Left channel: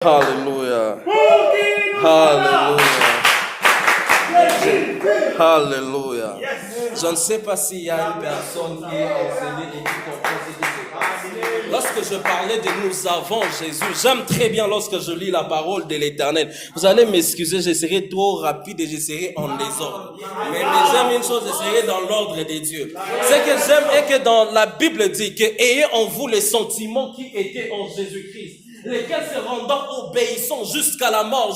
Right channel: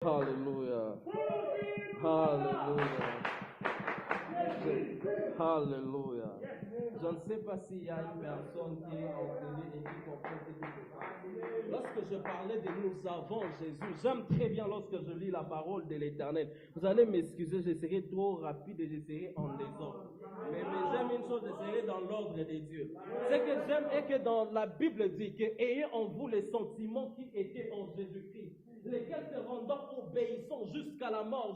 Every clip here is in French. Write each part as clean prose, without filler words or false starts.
Hallelujah. Hallelujah. Hallelujah. Je ne sais pas s'il y a une personne qui est enseignée et qui comprend ce qui se passe. Lorsque je parlais de nous avons Jésus, j'aime très bien lorsque je lis la parole de l'Éternel. Vous allez m'excuser, je serai trop rapide et je serai en désordre. Mais j'aime une chose, je serai dans l'ordre des dieux. Ce que j'aime est que dans la Bible dit que ayez en vous les sentiments qui étaient en Jésus-Christ, lesquels se rendant obéissants jusqu'à la mort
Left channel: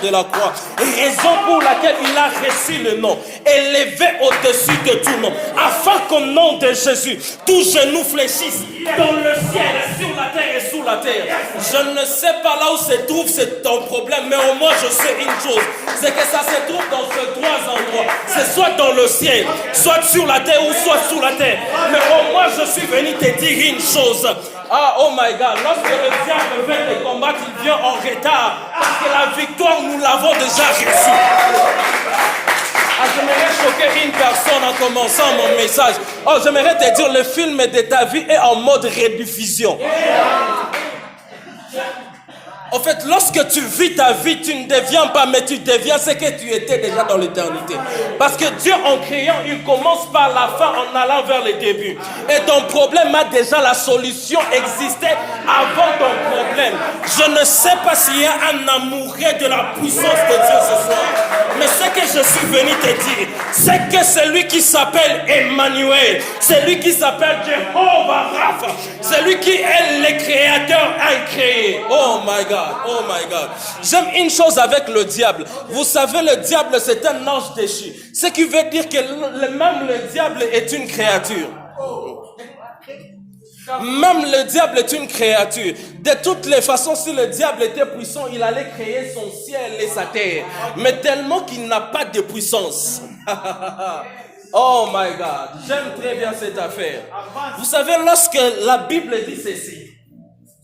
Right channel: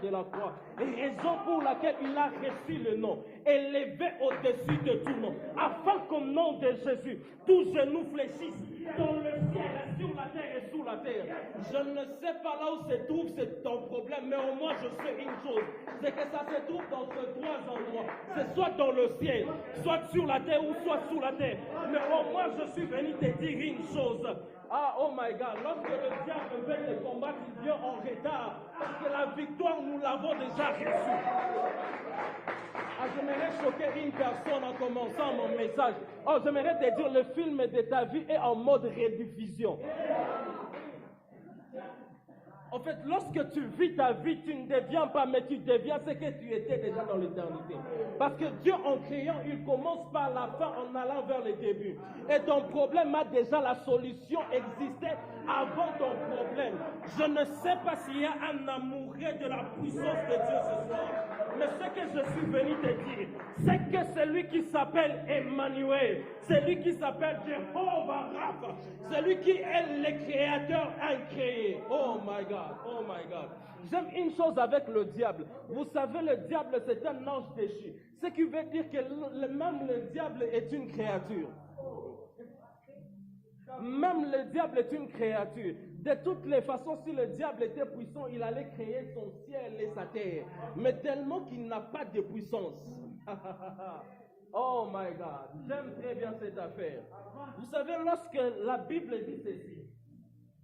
de la croix. Raison pour laquelle il a reçu le nom, élevé au-dessus de tout nom, afin qu'au nom de Jésus, tout genou fléchisse dans le ciel, sur la terre et sous la terre. Je ne sais pas là où se trouve ton problème, mais au moins je sais une chose, c'est que ça se trouve dans ces trois endroits. C'est soit dans le ciel, soit sur la terre ou soit sous la terre. Mais au moins je suis venu te dire une chose. Ah, oh my God, lorsque le diable vient te combattre, il vient en retard. Parce que la victoire, nous l'avons déjà reçue. Ah, j'aimerais choquer une personne en commençant mon message. Oh, j'aimerais te dire, le film de ta vie est en mode rediffusion. En fait, lorsque tu vis ta vie, tu ne deviens pas, mais tu deviens ce que tu étais déjà dans l'éternité. Parce que Dieu, en créant, il commence par la fin en allant vers le début. Et ton problème a déjà la solution existait avant ton problème. Je ne sais pas s'il y a un amoureux de la puissance de Dieu ce soir. Mais ce que je suis venu te dire, c'est que celui qui s'appelle Emmanuel, celui qui s'appelle Jehovah Rapha, celui qui est le créateur a créé. Oh my God. Oh my God. J'aime une chose avec le diable. Vous savez, le diable, c'est un ange déchu. Ce qui veut dire que même le diable est une créature. Même le diable est une créature. De toutes les façons, si le diable était puissant, il allait créer son ciel et sa terre. Mais tellement qu'il n'a pas de puissance. Oh my God. J'aime très bien cette affaire. Vous savez, lorsque la Bible dit ceci,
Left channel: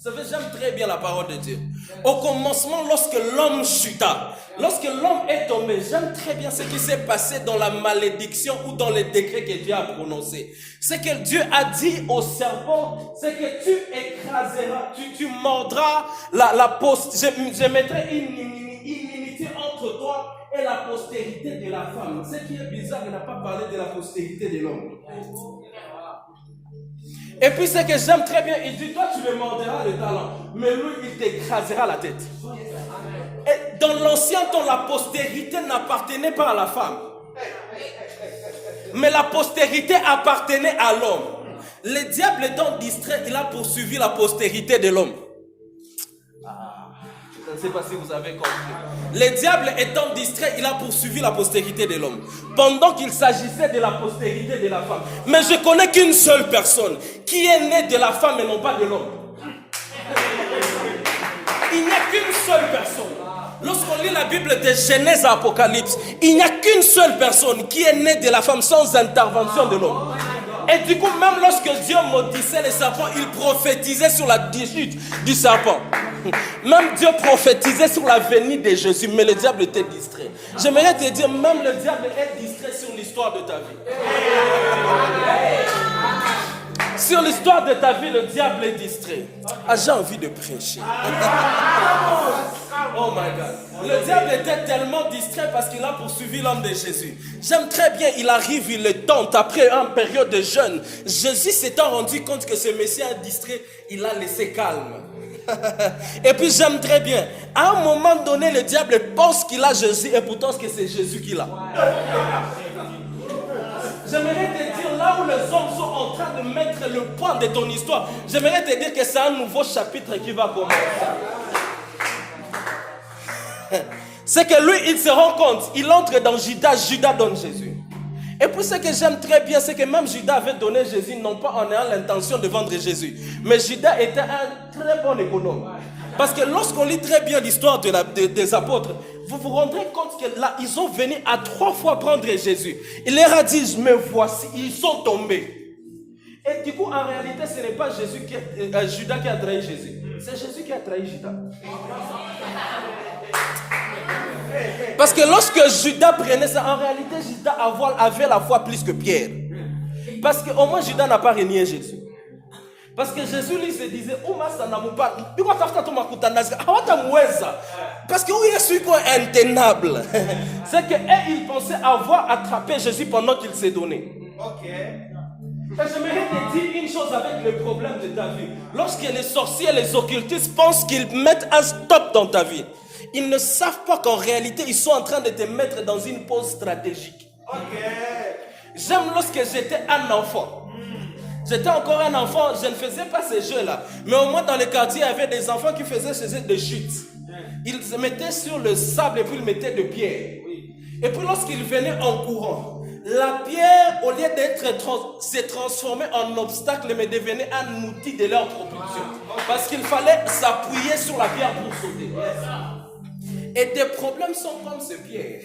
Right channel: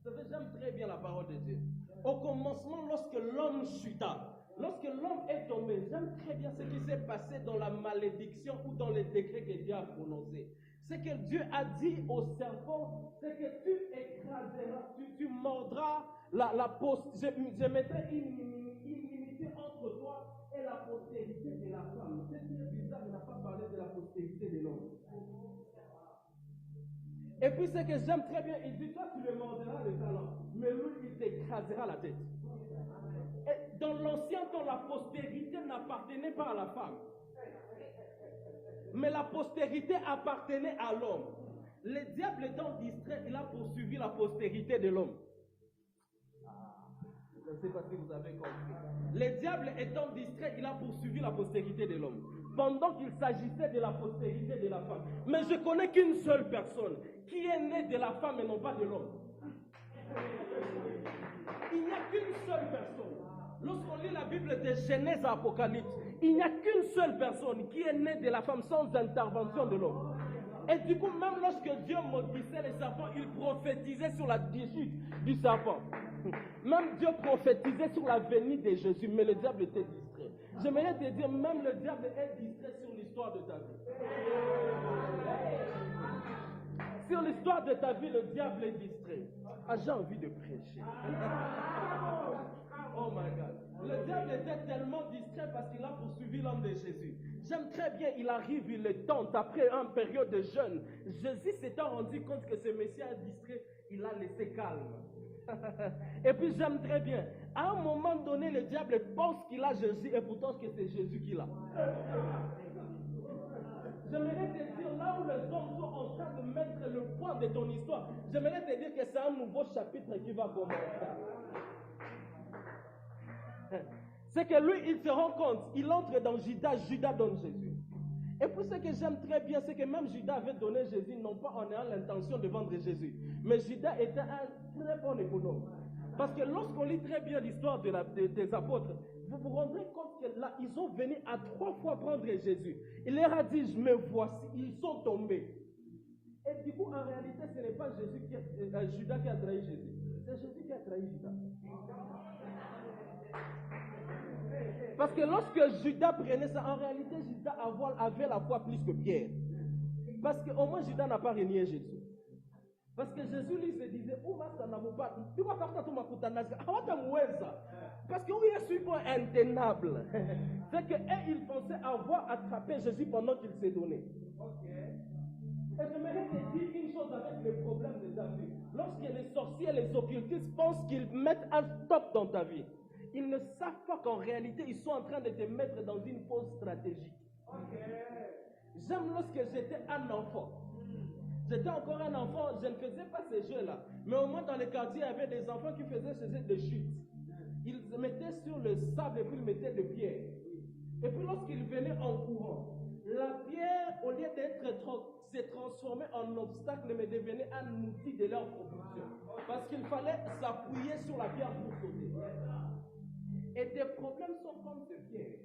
vous savez, j'aime très bien la parole de Dieu. Au commencement, lorsque l'homme chuta, lorsque l'homme est tombé, j'aime très bien ce qui s'est passé dans la malédiction ou dans les décrets que Dieu a prononcés. Ce que Dieu a dit au serpent, c'est que tu écraseras, tu mordras la je mettrai une inimitié entre toi et la postérité de la femme. Ce qui est bizarre, il n'a pas parlé de la postérité de l'homme. Et puis ce que j'aime très bien, il dit, toi tu le mordras le talon, mais lui il t'écrasera la tête. Et dans l'ancien temps, la postérité n'appartenait pas à la femme. Mais la postérité appartenait à l'homme. Le diable étant distrait, il a poursuivi la postérité de l'homme. Je ne sais pas si vous avez compris. Le diable étant distrait, il a poursuivi la postérité de l'homme. Pendant qu'il s'agissait de la postérité de la femme. Mais je connais qu'une seule personne qui est née de la femme et non pas de l'homme. Il n'y a qu'une seule personne. Lorsqu'on lit la Bible de Genèse à Apocalypse, il n'y a qu'une seule personne qui est née de la femme sans intervention de l'homme. Et du coup, même lorsque Dieu maudissait les serpents, il prophétisait sur la chute du serpent. Même Dieu prophétisait sur la venue de Jésus, mais le diable était distrait. J'aimerais te dire, même le diable est distrait sur l'histoire de ta vie. Sur l'histoire de ta vie, le diable est distrait. Ah, j'ai envie de prêcher. Oh my God. Le diable était tellement distrait parce qu'il a poursuivi l'homme de Jésus. J'aime très bien, il arrive, il le tente après une période de jeûne. Jésus s'étant rendu compte que ce Messie est distrait, il a laissé calme. Et puis j'aime très bien, à un moment donné, le diable pense qu'il a Jésus et pourtant que c'est Jésus qu'il a. J'aimerais te dire, là où les hommes sont en train de mettre le point de ton histoire, j'aimerais te dire que c'est un nouveau chapitre qui va commencer. C'est que lui, il se rend compte, il entre dans Judas, Judas donne Jésus. Et puis ce que j'aime très bien, c'est que même Judas avait donné Jésus, non pas en ayant l'intention de vendre Jésus, mais Judas était un très bon économe. Parce que lorsqu'on lit très bien l'histoire des apôtres, vous vous rendrez compte que là, ils sont venus à 3 fois prendre Jésus. Il leur a dit, me voici, ils sont tombés. Et du coup, en réalité, ce n'est pas Judas qui a trahi Jésus. C'est Jésus qui a trahi Judas. Parce que lorsque Judas prenait ça, en réalité, Judas avait la foi plus que Pierre. Parce qu'au moins, Judas n'a pas renié Jésus. Parce que Jésus lui se disait, parce que oui, je suis quoi intenable. C'est qu'ils pensaient avoir attrapé Jésus pendant qu'il s'est donné. Et j'aimerais te dire une chose avec le problème de ta vie. Lorsque les sorciers et les occultistes pensent qu'ils mettent un stop dans ta vie, ils ne savent pas qu'en réalité, ils sont en train de te mettre dans une pause stratégique. J'aime lorsque j'étais un enfant. J'étais encore un enfant, je ne faisais pas ces jeux-là. Mais au moins dans le quartier, il y avait des enfants qui faisaient ces jeux de chute. Ils se mettaient sur le sable et puis ils mettaient de pierres. Et puis lorsqu'ils venaient en courant, la pierre, au lieu d'être s'est transformée en obstacle, mais devenait un outil de leur propulsion. Parce qu'il fallait s'appuyer sur la pierre pour sauter. Et des problèmes sont comme ces pierres.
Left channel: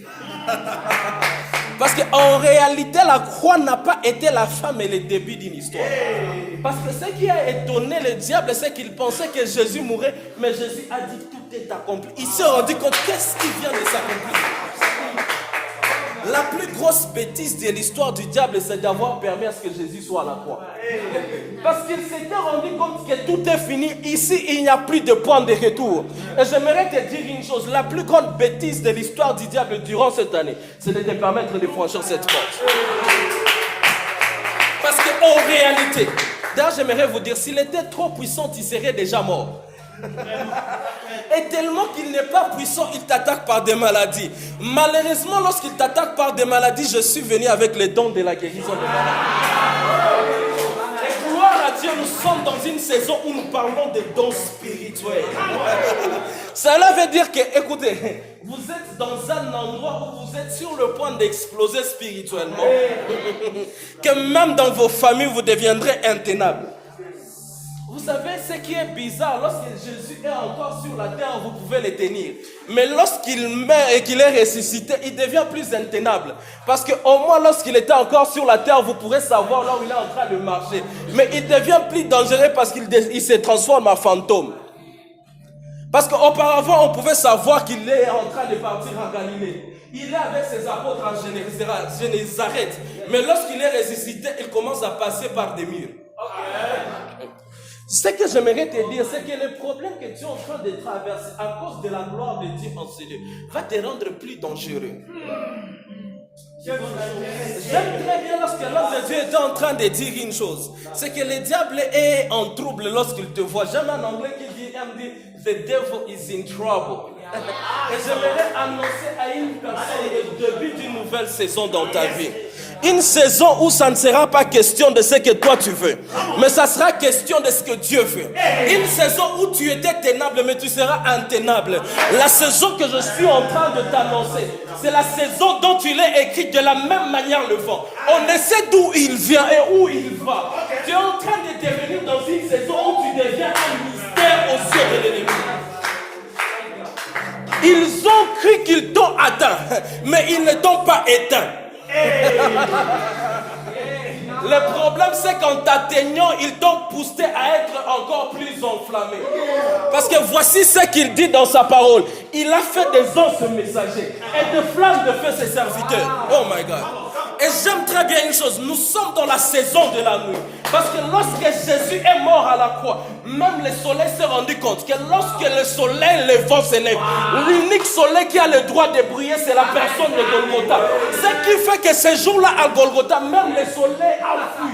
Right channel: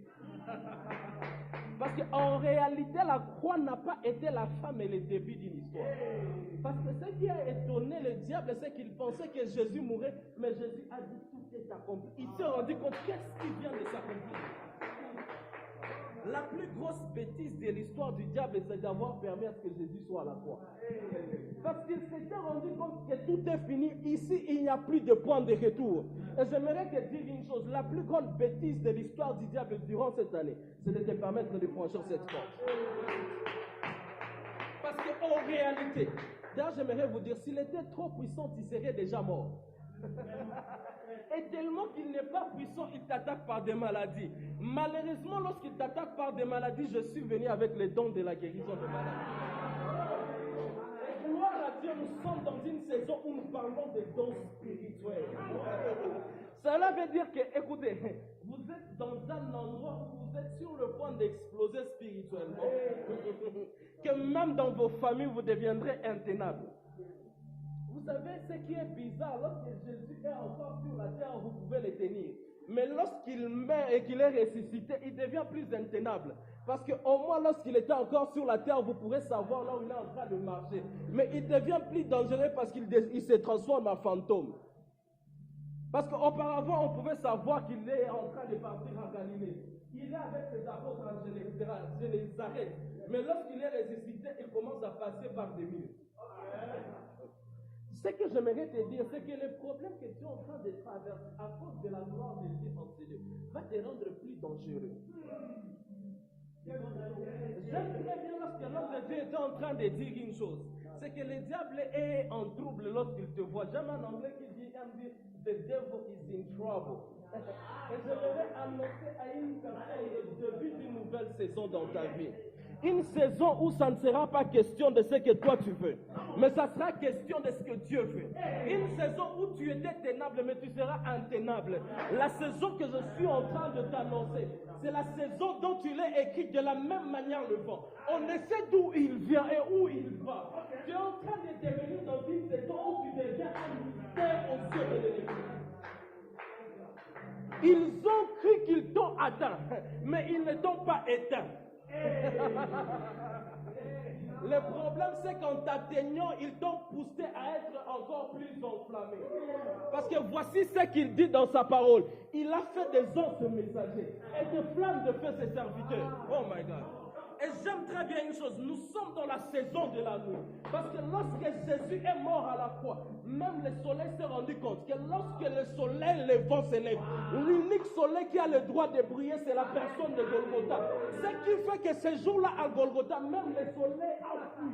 Parce qu'en réalité, la croix n'a pas été la fin et le début d'une histoire. Parce que ce qui a étonné le diable, c'est qu'il pensait que Jésus mourrait, mais Jésus a dit tout est accompli. Il s'est rendu compte qu'est-ce qui vient de s'accomplir. La plus grosse bêtise de l'histoire du diable, c'est d'avoir permis à ce que Jésus soit à la croix. Parce qu'il s'était rendu compte que tout est fini. Ici, il n'y a plus de point de retour. Et j'aimerais te dire une chose. La plus grande bêtise de l'histoire du diable durant cette année, c'est de te permettre de franchir cette porte. Parce qu'en réalité, d'ailleurs, j'aimerais vous dire, s'il était trop puissant, il serait déjà mort. Et tellement qu'il n'est pas puissant, il t'attaque par des maladies. Malheureusement, lorsqu'il t'attaque par des maladies, je suis venu avec les dons de la guérison des maladies. Et gloire à Dieu, nous sommes dans une saison où nous parlons des dons spirituels. Cela veut dire que, écoutez, vous êtes dans un endroit où vous êtes sur le point d'exploser spirituellement. Que même dans vos familles, vous deviendrez intenables. Vous savez ce qui est bizarre, lorsque Jésus est encore sur la terre, vous pouvez le tenir. Mais lorsqu'il meurt et qu'il est ressuscité, il devient plus intenable. Parce qu'au moins lorsqu'il était encore sur la terre, vous pourrez savoir là où il est en train de marcher. Mais il devient plus dangereux parce qu'il se transforme en fantôme. Parce qu'auparavant, on pouvait savoir qu'il est en train de partir en Galilée. Il est avec ses apôtres en Génézareth. Mais lorsqu'il est ressuscité, il commence à passer par des murs. Ce que j'aimerais te dire, c'est que le problème que tu es en train de traverser à cause de la gloire de Dieu en ce lieu va te rendre plus dangereux. J'aime très bien lorsque l'homme de Dieu est en train de dire une chose. C'est que le diable est en trouble lorsqu'il te voit. J'aime un anglais qui dit, the devil is in trouble. Et j'aimerais annoncer à une personne le début d'une nouvelle saison dans ta vie. Une saison où ça ne sera pas question de ce que toi tu veux, mais ça sera question de ce que Dieu veut. Une saison où tu étais ténable, mais tu seras intenable. La saison que je suis en train de t'annoncer, c'est la saison dont il est écrit de la même manière le vent. On ne sait d'où il vient et où il va. Tu es en train de devenir dans une saison où tu deviens un mystère aux yeux de l'ennemi. Ils ont cru qu'ils t'ont atteint, mais ils ne t'ont pas éteint. Le problème, c'est qu'en t'atteignant, ils t'ont poussé à être encore plus enflammé. Parce que voici ce qu'il dit dans sa parole. Il a fait des anges messagers et de flammes de feu ses serviteurs. Oh my God. Et j'aime très bien une chose, nous sommes dans la saison de la nuit. Parce que lorsque Jésus est mort à la croix, même le soleil s'est rendu compte que lorsque le soleil, le vent s'élève, l'unique soleil qui a le droit de briller, c'est la personne de Golgotha. Ce qui fait que ce jour-là à Golgotha, même le soleil a fui.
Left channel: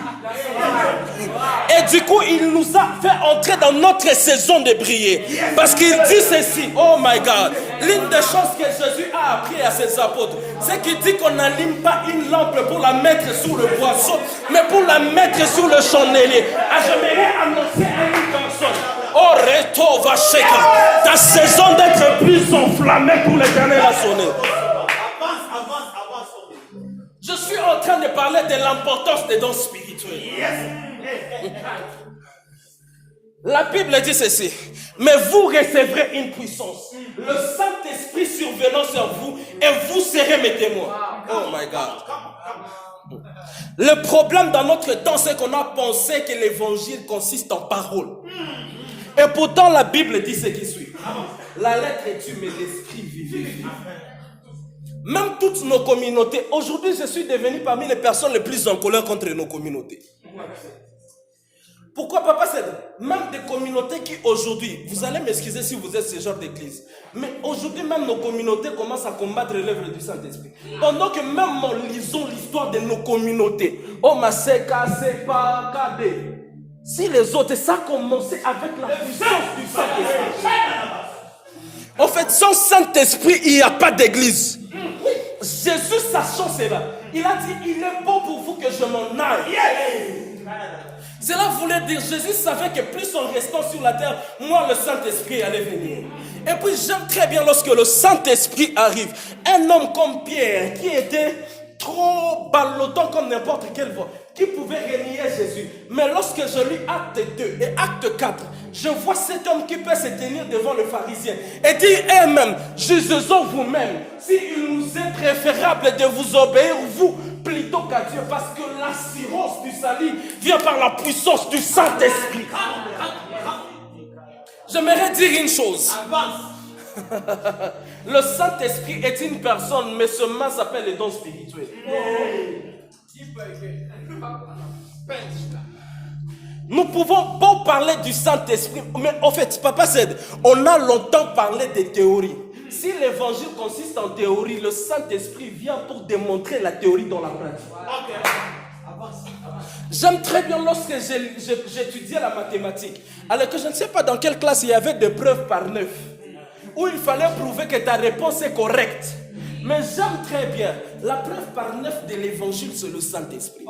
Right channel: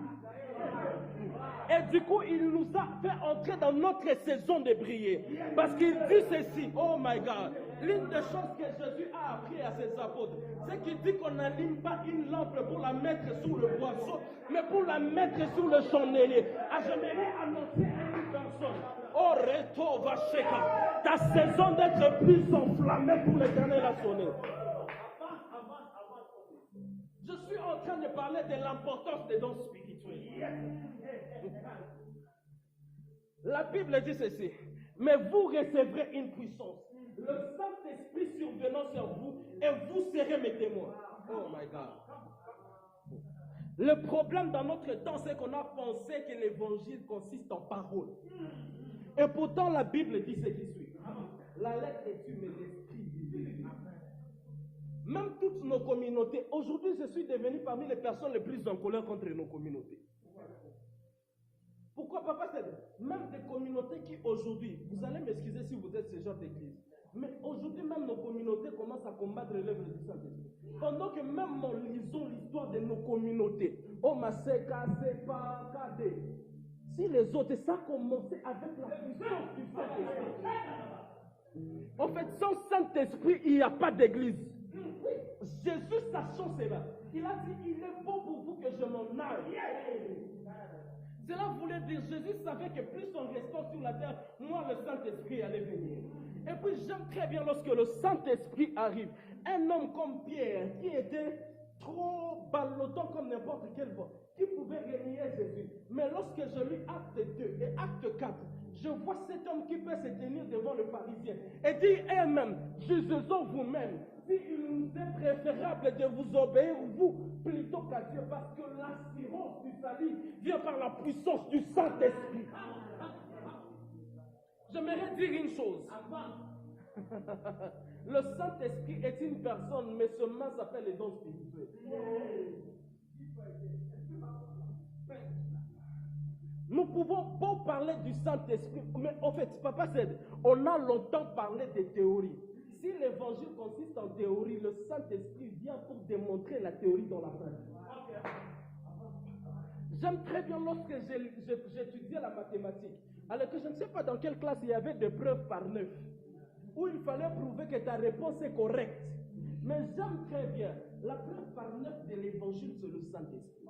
Et du coup, il nous a fait entrer dans notre saison de briller. Parce qu'il dit ceci, oh my God, l'une des choses que Jésus a appris à ses apôtres, c'est qu'il dit qu'on n'allume pas une lampe pour la mettre sous le boisseau, mais pour la mettre sous le chandelier. J'aimerais annoncer à une personne, oh Reto Vacheka, ta saison d'être plus enflammée pour l'éternel a sonné. Je suis en train de parler de l'importance des dons spirituels. La Bible dit ceci, mais vous recevrez une puissance, le Saint-Esprit survenant sur vous, et vous serez mes témoins. Oh my God. Le problème dans notre temps, c'est qu'on a pensé que l'évangile consiste en paroles. Et pourtant, la Bible dit ce qui suit. La lettre est tue, mais l'esprit vivifie. Même toutes nos communautés, aujourd'hui, je suis devenu parmi les personnes les plus en colère contre nos communautés. Pourquoi, papa, c'est même des communautés qui aujourd'hui, vous allez m'excuser si vous êtes ce genre d'église, mais aujourd'hui même nos communautés commencent à combattre l'œuvre du Saint-Esprit. Pendant que même nous lisons l'histoire de nos communautés, oh Maseka, Sepa, Kade, si les autres, ça a commencé avec la puissance du Saint-Esprit. En fait, sans Saint-Esprit, il n'y a pas d'église. Jésus, sachant cela, il a dit, il est bon pour vous que je m'en aille. Cela voulait dire, Jésus savait que plus en restant sur la terre, moi le Saint-Esprit allait venir. Et puis j'aime très bien lorsque le Saint-Esprit arrive. Un homme comme Pierre, qui était trop ballottant comme n'importe quelle voix, qui pouvait renier Jésus. Mais lorsque je lis Acte 2 et Acte 4, je vois cet homme qui peut se tenir devant le pharisien et dire, eh même, jugeons vous-même, s'il nous est préférable de vous obéir, vous, plutôt qu'à Dieu, parce que l'assurance du salut vient par la puissance du Saint-Esprit. J'aimerais dire une chose. Le Saint-Esprit est une personne, mais ce mot s'appelle les dons spirituels. Nous pouvons pas parler du Saint-Esprit, mais en fait, Papa Cède, on a longtemps parlé des théories. Si l'évangile consiste en théorie, le Saint-Esprit vient pour démontrer la théorie dans la pratique. J'aime très bien lorsque j'étudiais la mathématique, alors que je ne sais pas dans quelle classe il y avait des preuves par 9, où il fallait prouver que ta réponse est correcte. Mais j'aime très bien la preuve par 9 de l'évangile, c'est le Saint-Esprit.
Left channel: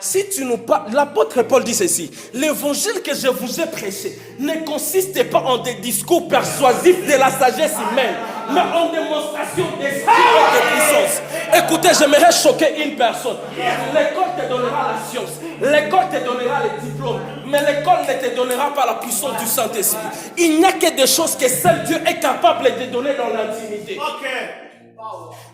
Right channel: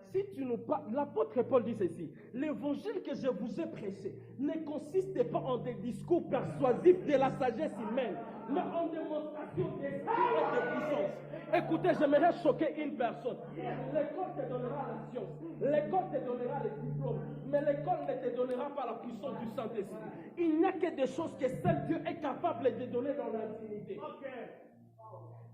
Si tu nous parles, l'apôtre Paul dit ceci, l'évangile que je vous ai prêché ne consiste pas en des discours persuasifs de la sagesse humaine, mais en démonstration d'esprit et de puissance. Écoutez, j'aimerais choquer une personne. L'école te donnera la science, l'école te donnera les diplômes, mais l'école ne te donnera pas la puissance du Saint-Esprit. Il n'y a que des choses que seul Dieu est capable de donner dans l'intimité.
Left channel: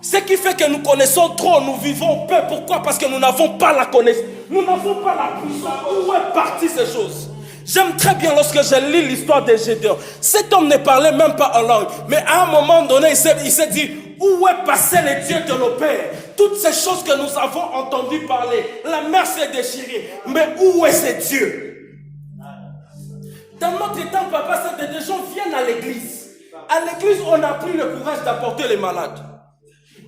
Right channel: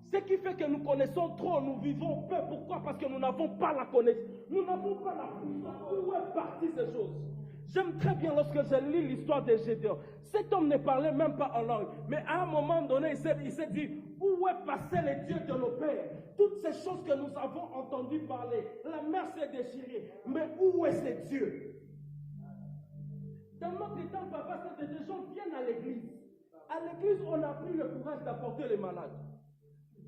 Ce qui fait que nous connaissons trop, nous vivons peu. Pourquoi? Parce que nous n'avons pas la connaissance. Nous n'avons pas la puissance. Où est partie ces choses? J'aime très bien lorsque je lis l'histoire de Gédéon. Cet homme ne parlait même pas en langue. Mais à un moment donné, il s'est dit, où est passé le Dieu de nos pères? Toutes ces choses que nous avons entendu parler, la mer s'est déchirée. Mais où est ce Dieu? Dans notre temps, papa, c'est que des gens viennent à l'église. À l'église, on n'a plus le courage d'apporter les malades.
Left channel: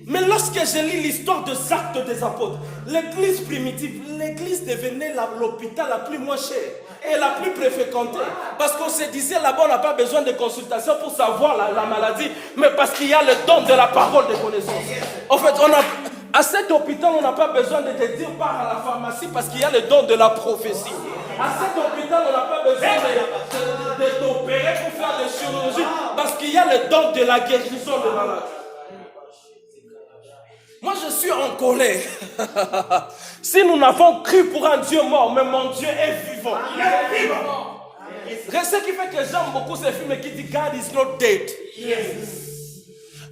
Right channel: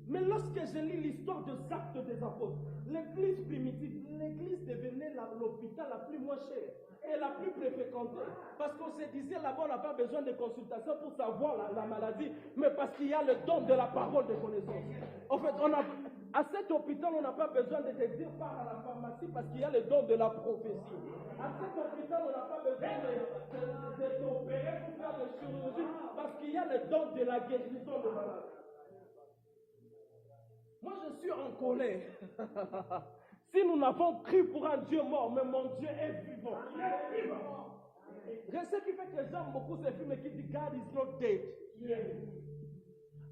Mais lorsque je lis l'histoire des actes des apôtres, l'église primitive, l'église devenait l'hôpital la plus moins chère et la plus fréquentée. Parce qu'on se disait là-bas, on n'a pas besoin de consultation pour savoir la maladie, mais parce qu'il y a le don de la parole de connaissance. En fait, à cet hôpital, on n'a pas besoin de te dire pars à la pharmacie parce qu'il y a le don de la prophétie. À cet hôpital, on n'a pas besoin de t'opérer pour faire des chirurgies parce qu'il y a le don de la guérison de malades. Moi, je suis en colère. Si nous n'avons cru pour un Dieu mort, mais mon Dieu est vivant. Il est vivant. Ce qui fait que j'aime beaucoup ce film qui dit God is not dead.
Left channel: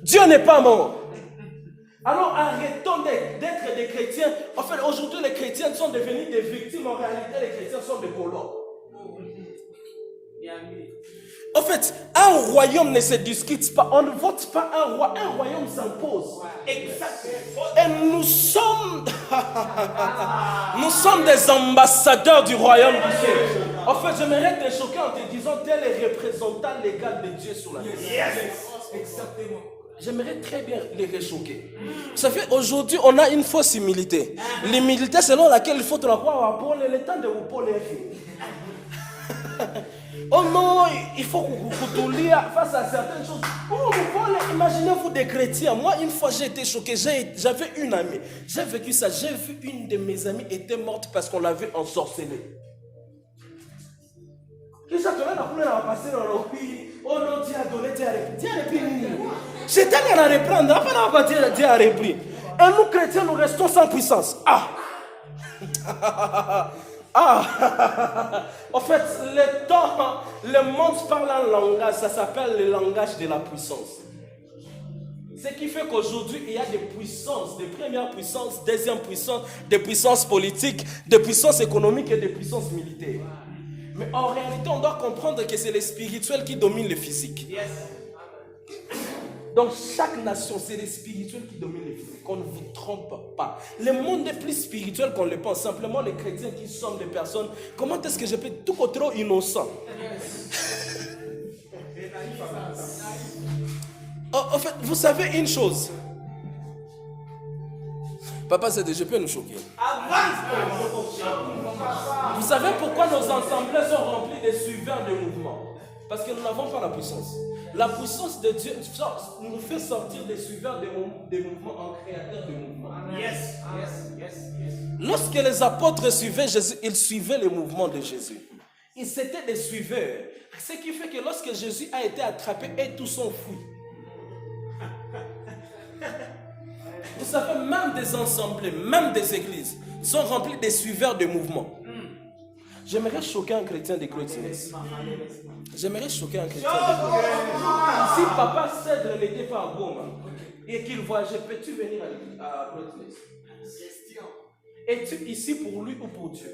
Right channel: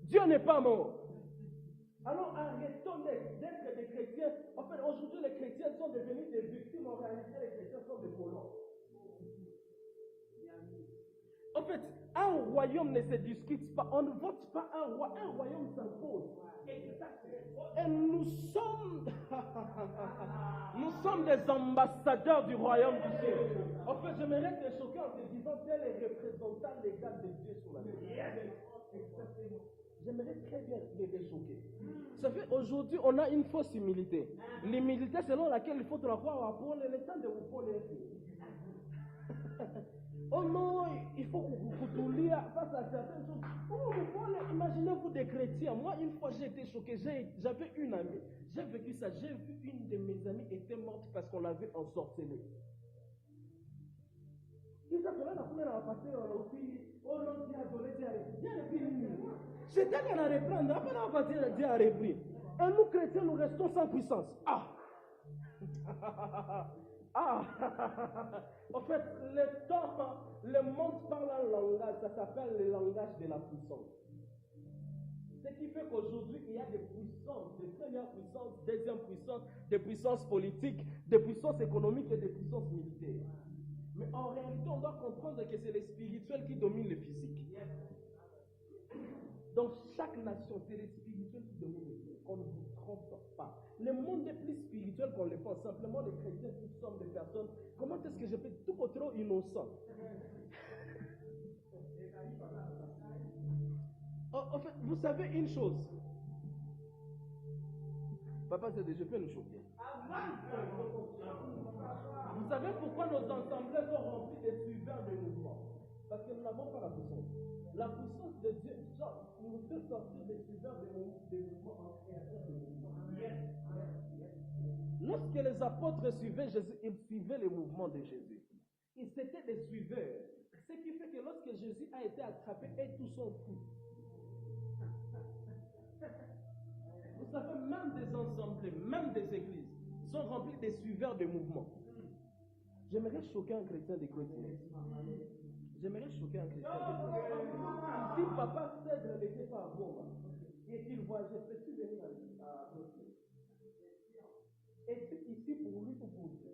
Dieu n'est pas mort. Alors arrêtons d'être des chrétiens. En fait, aujourd'hui, les chrétiens sont devenus des victimes. En réalité, les chrétiens sont des colons. En fait, un royaume ne se discute pas. On ne vote pas un roi. Un royaume s'impose. Exactement. Et nous sommes des ambassadeurs du royaume du ciel. En fait, j'aimerais te choquer en te disant tel est représentant légal de Dieu sur la terre. Exactement. J'aimerais très bien les réchoquer. Ça fait aujourd'hui, on a une fausse humilité. L'humilité selon laquelle il faut te la croire à Paul et le temps de vous Paul est fini. Oh non, il faut que vous lire face à certaines choses. Oh, imaginez-vous des chrétiens. Moi, une fois, j'ai été choqué. J'avais une amie. J'ai vécu ça. J'ai vu une de mes amies était morte parce qu'on l'avait ensorcelée. Oh non, Dieu a donné, Dieu a repris. Dieu a repris. J'étais allé à reprendre. Après, on va dire Dieu a repris. Et nous, chrétiens, nous restons sans puissance. En fait, le monde parle un langage, ça s'appelle le langage de la puissance. Ce qui fait qu'aujourd'hui, il y a des puissances, des premières puissances, deuxième puissance, des puissances politiques, des puissances économiques et des puissances militaires. Mais en réalité, on doit comprendre que c'est le spirituel qui domine le physique. Dans chaque nation, c'est les spirituels qui dominent les flux. Qu'on ne vous trompe pas. Le monde est plus spirituel qu'on le pense. Simplement, les chrétiens qui sont des personnes, comment est-ce que je peux tout trop innocent? En fait, vous savez une chose. Papa, je peux nous choquer. Vous savez pourquoi nos assemblées sont remplies de suiveurs de mouvements? Parce que nous n'avons pas la puissance. La puissance de Dieu nous fait sortir des suiveurs des mouvements en créateurs de mouvements. Lorsque les apôtres suivaient Jésus, ils suivaient les mouvements de Jésus. Ils étaient des suiveurs. Ce qui fait que lorsque Jésus a été attrapé, et tous sont fui. Vous savez, même des assemblées, même des églises sont remplies de suiveurs de mouvements. J'aimerais choquer un chrétien de Clotilès. J'aimerais choquer un chrétien de Clotilès. Si papa Cèdre n'était pas à Goma et qu'il voyageait, peux-tu venir à Clotilès? Es-tu ici pour lui ou pour Dieu?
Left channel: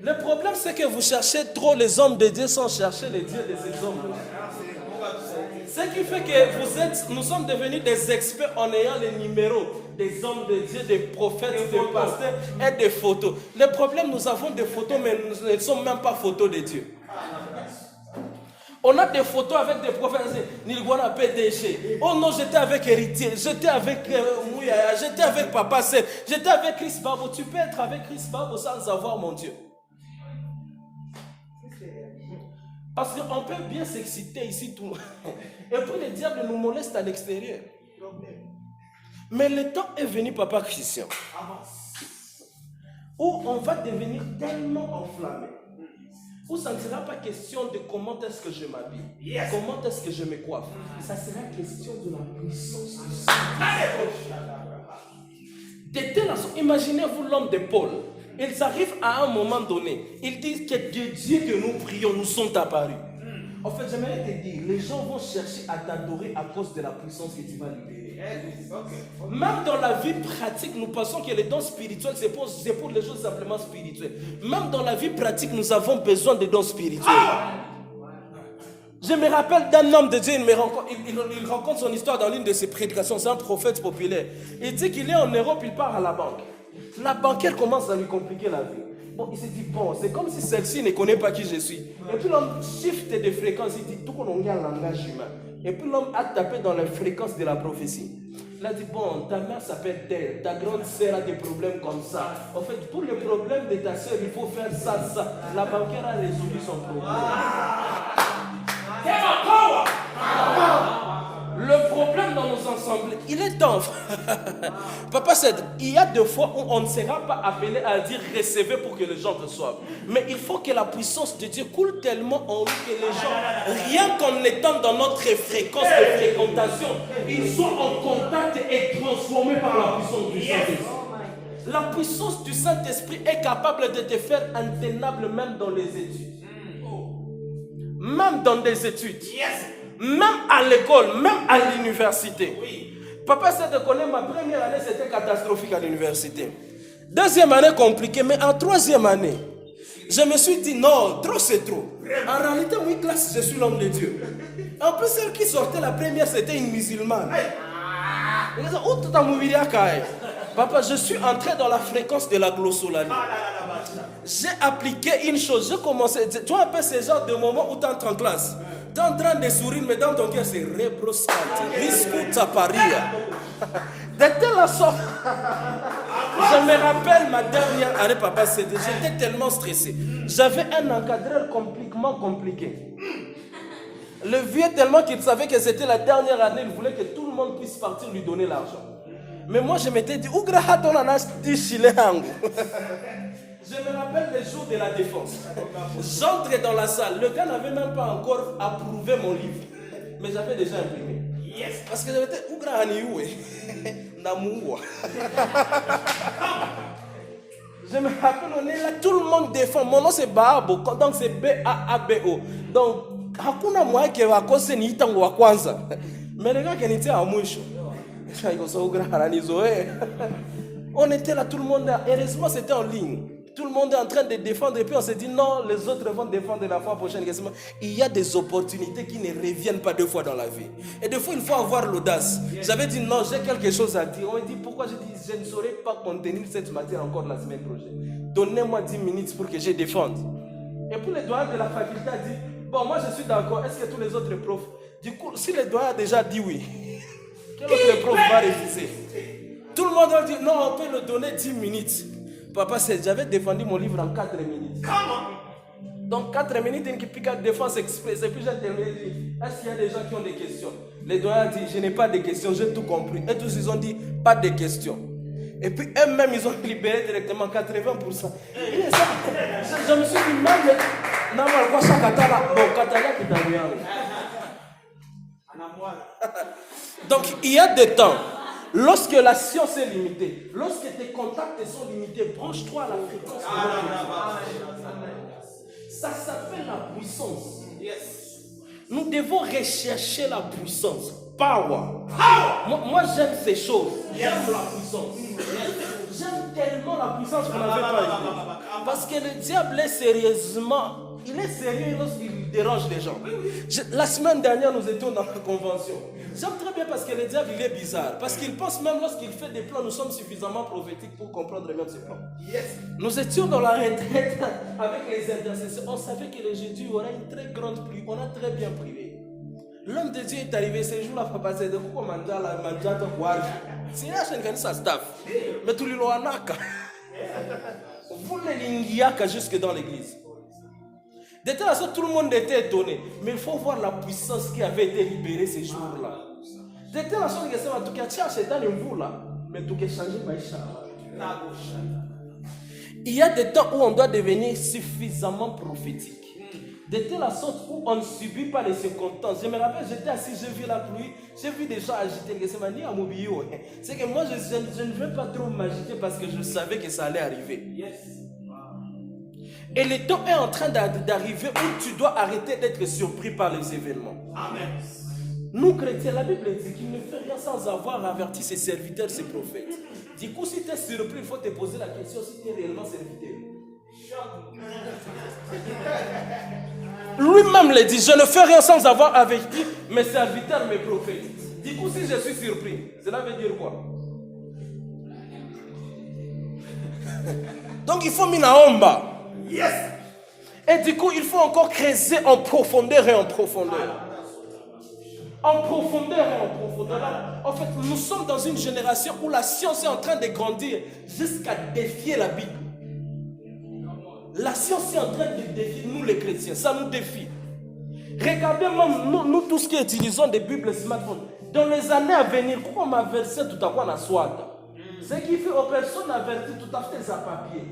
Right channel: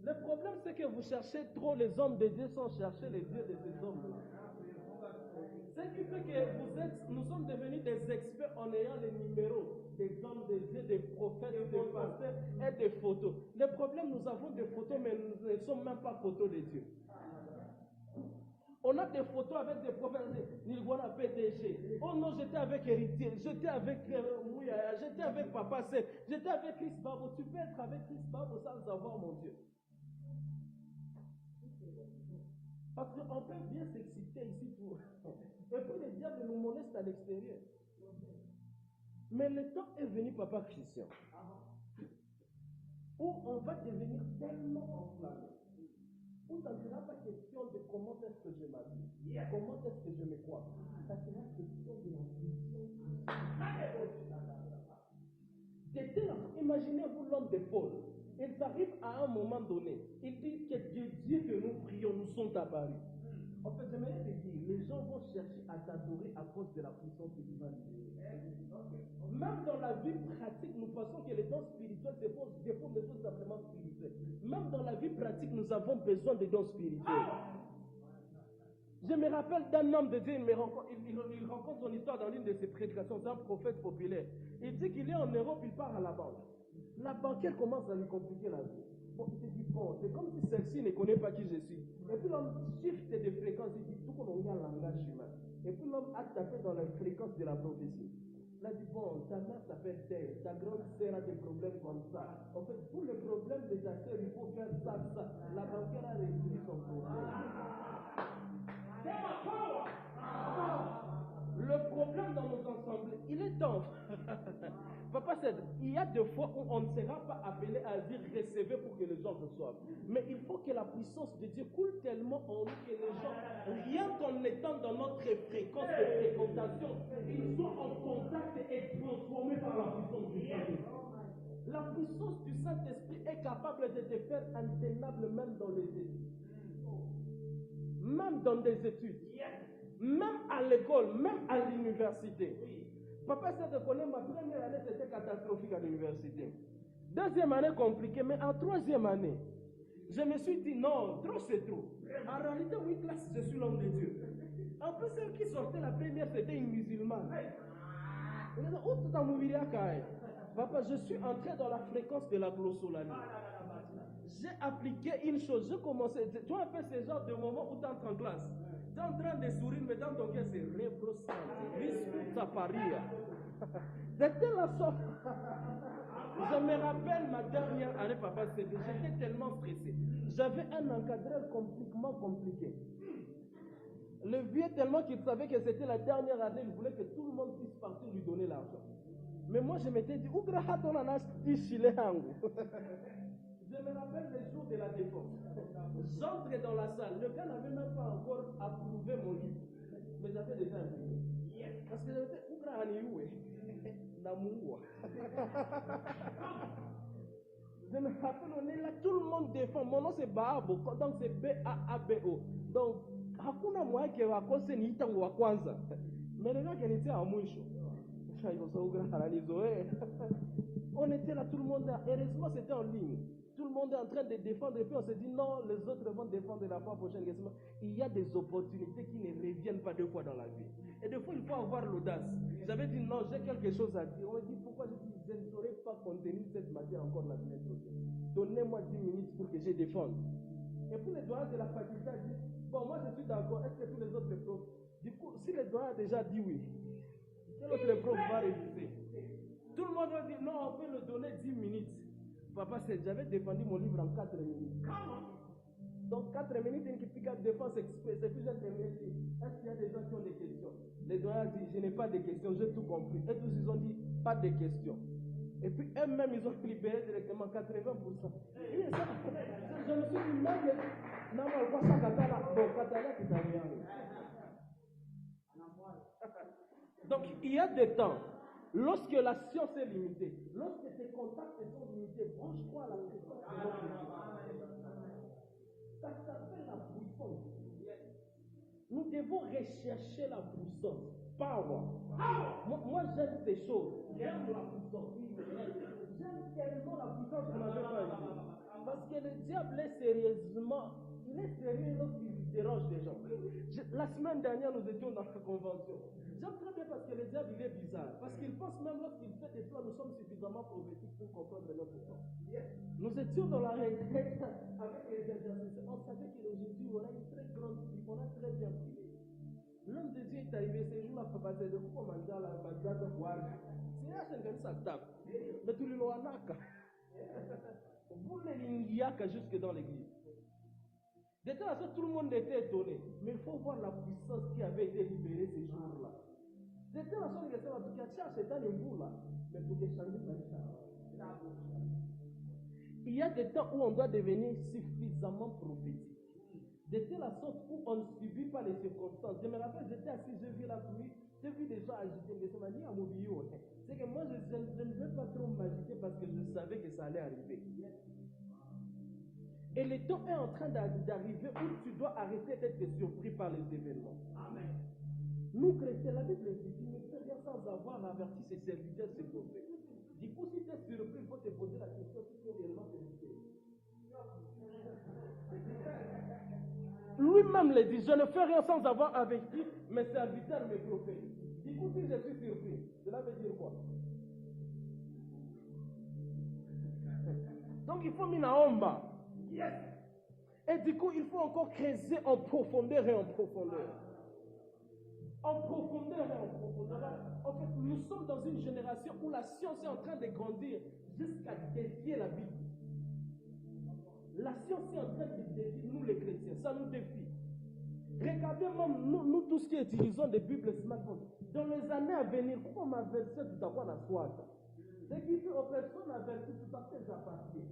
Le problème, c'est que vous cherchez trop les hommes de Dieu sans chercher les dieux de ces hommes. Ce qui fait que nous sommes devenus des experts en ayant les numéros des hommes de Dieu, des prophètes, des pasteurs et des photos. Le problème, nous avons des photos, mais nous ne sommes même pas photos de Dieu. On a des photos avec des prophètes. Nilguana PDG. Oh non, j'étais avec Héritier, j'étais avec Mouyaya, j'étais avec Papa Seth, j'étais avec Chris Babo. Tu peux être avec Chris Babo sans avoir mon Dieu. Parce qu'on peut bien s'exciter ici tout. Et puis le diable nous moleste à l'extérieur. Mais le temps est venu, papa Christian, où on va devenir tellement enflammé, où ça ne sera pas question de comment est-ce que je m'habille, comment est-ce que je me coiffe. Ça sera question de la puissance du Saint-Esprit. Imaginez-vous l'homme de Paul. Ils arrivent à un moment donné, ils disent que de Dieu que nous prions nous sont apparus. En fait, j'aimerais te dire, les gens vont chercher à t'adorer à cause de la puissance que tu vas libérer. Même dans la vie pratique, nous pensons que les dons spirituels, c'est pour les choses simplement spirituelles. Même dans la vie pratique, nous avons besoin de dons spirituels. Je me rappelle d'un homme de Dieu, il raconte son histoire dans l'une de ses prédications. C'est un prophète populaire. Il dit qu'il est en Europe, il part à la banque. La banquière commence à lui compliquer la vie. Bon, il s'est dit, bon, c'est comme si celle-ci ne connaît pas qui je suis. Et puis l'homme shift de fréquence, il dit, tout qu'on a un langage humain. Et puis l'homme a tapé dans les fréquences de la prophétie. Il a dit, bon, ta mère s'appelle telle, ta grande sœur a des problèmes comme ça. En fait, pour le problème de ta sœur, il faut faire ça, ça. La banquière a résolu son problème. Le problème dans nos ensembles, il est temps. Papa Cèdre, il y a des fois où on ne sera pas appelé à dire recevez pour que les gens reçoivent. Mais il faut que la puissance de Dieu coule tellement en nous que les gens, rien qu'en étant dans notre fréquence de fréquentation, ils sont en contact et transformés par la puissance du Saint-Esprit. La puissance du Saint-Esprit est capable de te faire intenable même dans les études. Même dans des études. Même à l'école, même à l'université. Papa Cèdre connaît ma première année, c'était catastrophique à l'université. Deuxième année compliquée, mais en troisième année, je me suis dit non, trop c'est trop. En réalité, moi, classe, je suis l'homme de Dieu. En plus, celle qui sortait la première, c'était une musulmane. Papa, je suis entré dans la fréquence de la glossolanie. J'ai appliqué une chose, j'ai commencé. Tu vois un peu ce genre de moment où tu entres en classe. Tu es en train de sourire, mais dans ton cœur, c'est rebroscate, biscuit, paria. De telle sorte. Je me rappelle ma dernière année, papa, j'étais tellement stressé. J'avais un encadreur complètement compliqué. Le vieux, tellement qu'il savait que c'était la dernière année, il voulait que tout le monde puisse partir lui donner l'argent. Mais moi, je m'étais dit, où grahaton anas dit chileango. Je me rappelle les jours de la défense. J'entre dans la salle. Le gars n'avait même pas encore approuvé mon livre. Mais j'avais déjà imprimé. Parce que j'avais dit, où grahanioué Namouwa. Je me rappelle, on est là, tout le monde défend. Mon nom c'est Baabo, donc c'est B-A-A-B-O. Donc, hakuna moi qui va causer ni tango wa kwanza. Mais les gars qui étaient à moucho. On était là, tout le monde là. Heureusement, c'était en ligne. tout le monde est en train de défendre et puis on se dit non, les autres vont défendre la fois prochaine. Il y a des opportunités qui ne reviennent pas deux fois dans la vie. Et des fois, il faut avoir l'audace. J'avais dit non, j'ai quelque chose à dire. On m'a dit pourquoi? J'ai dit je ne saurais pas contenir cette matière encore la semaine prochaine. Donnez-moi 10 minutes pour que je défende. Et puis le doyen de la faculté a dit bon, moi je suis d'accord. Est-ce que tous les autres profs? Du coup, si le doyen a déjà dit oui, quel autre prof va refuser? Tout le monde a dit non, on peut le donner 10 minutes. Papa, j'avais défendu mon livre en 4 minutes. Donc 4 minutes, une pique défense express. Et puis j'ai terminé le livre. Est-ce qu'il y a des gens qui ont des questions? Les doyens ont dit, je n'ai pas de questions, j'ai tout compris. Et tous ils ont dit, pas de questions. Et puis eux-mêmes, ils ont libéré directement 80%. Et ça, je me suis dit, même, non, quoi, ça, Katala, bon, Katala qui t'a rien. Donc il y a des temps. Lorsque la science est limitée, lorsque tes contacts sont limités, branche-toi à la fréquence. Ça s'appelle la puissance. Nous devons rechercher la puissance. Power. Moi j'aime ces choses. J'aime la puissance. J'aime tellement la puissance qu'on n'avait pas idée. Parce que le diable est sérieusement, il est sérieux lorsqu'il dérange les gens. La semaine dernière, nous étions dans la convention. J'aime très bien parce que le diable, il est bizarre. Parce qu'il pense même lorsqu'il fait des plans, nous sommes suffisamment prophétiques pour comprendre même ses plans. Nous étions dans la retraite avec les intercesseurs. On savait que le jeudi, il y aura une très grande pluie. On a très bien privé. L'homme de Dieu est arrivé ce jour-là, papa, c'est de quoi manjala, manjata, guardi. C'est là que ça staff. Mais tout le monde a naka. Vous les jusque dans l'église. De telle sorte, tout le monde était étonné. Mais il faut voir la puissance qui avait été libérée ces jours-là. De telle sorte que c'est tout qui a cherché dans le vous là, mais tout qui a changé Maïcha. Il y a des temps où on doit devenir suffisamment prophétique. De telle sorte où on ne subit pas les circonstances. Je me rappelle, j'étais assis, j'ai vu la pluie, j'ai vu des gens agiter. C'est que moi, je ne veux pas trop m'agiter parce que je savais que ça allait arriver. Et le temps est en train d'arriver où tu dois arrêter d'être surpris par les événements. Amen. Nous, chrétiens, la Bible dit qu'il ne fait rien sans avoir averti ses serviteurs, ses prophètes. Du coup, si tu es surpris, il faut te poser la question si tu es réellement serviteur. Lui-même le dit, je ne fais rien sans avoir averti mes serviteurs, mes prophètes. Du coup, si je suis surpris, cela veut dire quoi? Donc, il faut minaomba. Yes. Et du coup, il faut encore creuser en profondeur et en profondeur. En profondeur et en profondeur. En fait, nous sommes dans une génération où la science est en train de grandir jusqu'à défier la Bible. La science est en train de défier nous les chrétiens. Ça nous défie. Regardez même nous tous qui utilisons des Bibles smartphones. Dans les années à venir, comment m'a versé tout à quoi na soit. Ce qui fait aux personnes averties tout à fait à papier.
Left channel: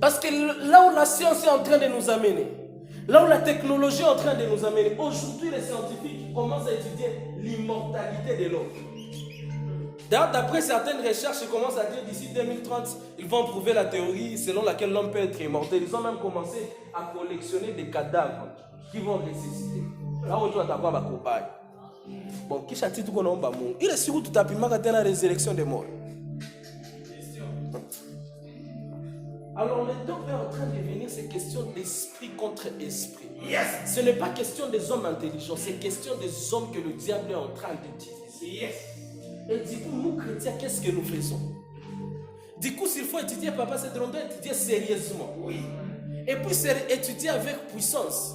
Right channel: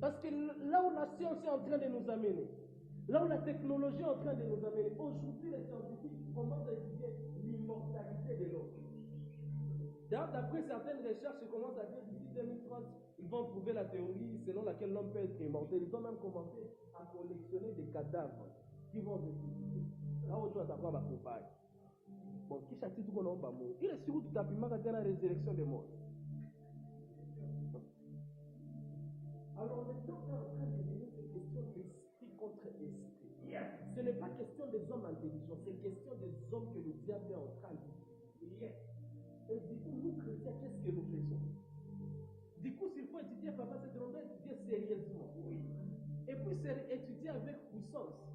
Parce que là où la science est en train de nous amener, là où la technologie est en train de nous amener, aujourd'hui les scientifiques commencent à étudier l'immortalité de l'homme. D'ailleurs, d'après certaines recherches, ils commencent à dire d'ici 2030, ils vont prouver la théorie selon laquelle l'homme peut être immortel. Ils ont même commencé à collectionner des cadavres qui vont ressusciter. Là où tu vas t'avoir la cobaye. Bon, qui châtie tout qu'on a il est sûr que tu as pu marquer la résurrection des morts. Alors le temps est en train de venir, c'est question d'esprit contre esprit. Yes. Ce n'est pas question des hommes intelligents, c'est question des hommes que le diable est en train d'utiliser. Yes. Et du coup, nous chrétiens, qu'est-ce que nous faisons? Du coup, s'il faut étudier, papa, c'est de étudier sérieusement. Oui. Et puis, c'est étudier avec puissance.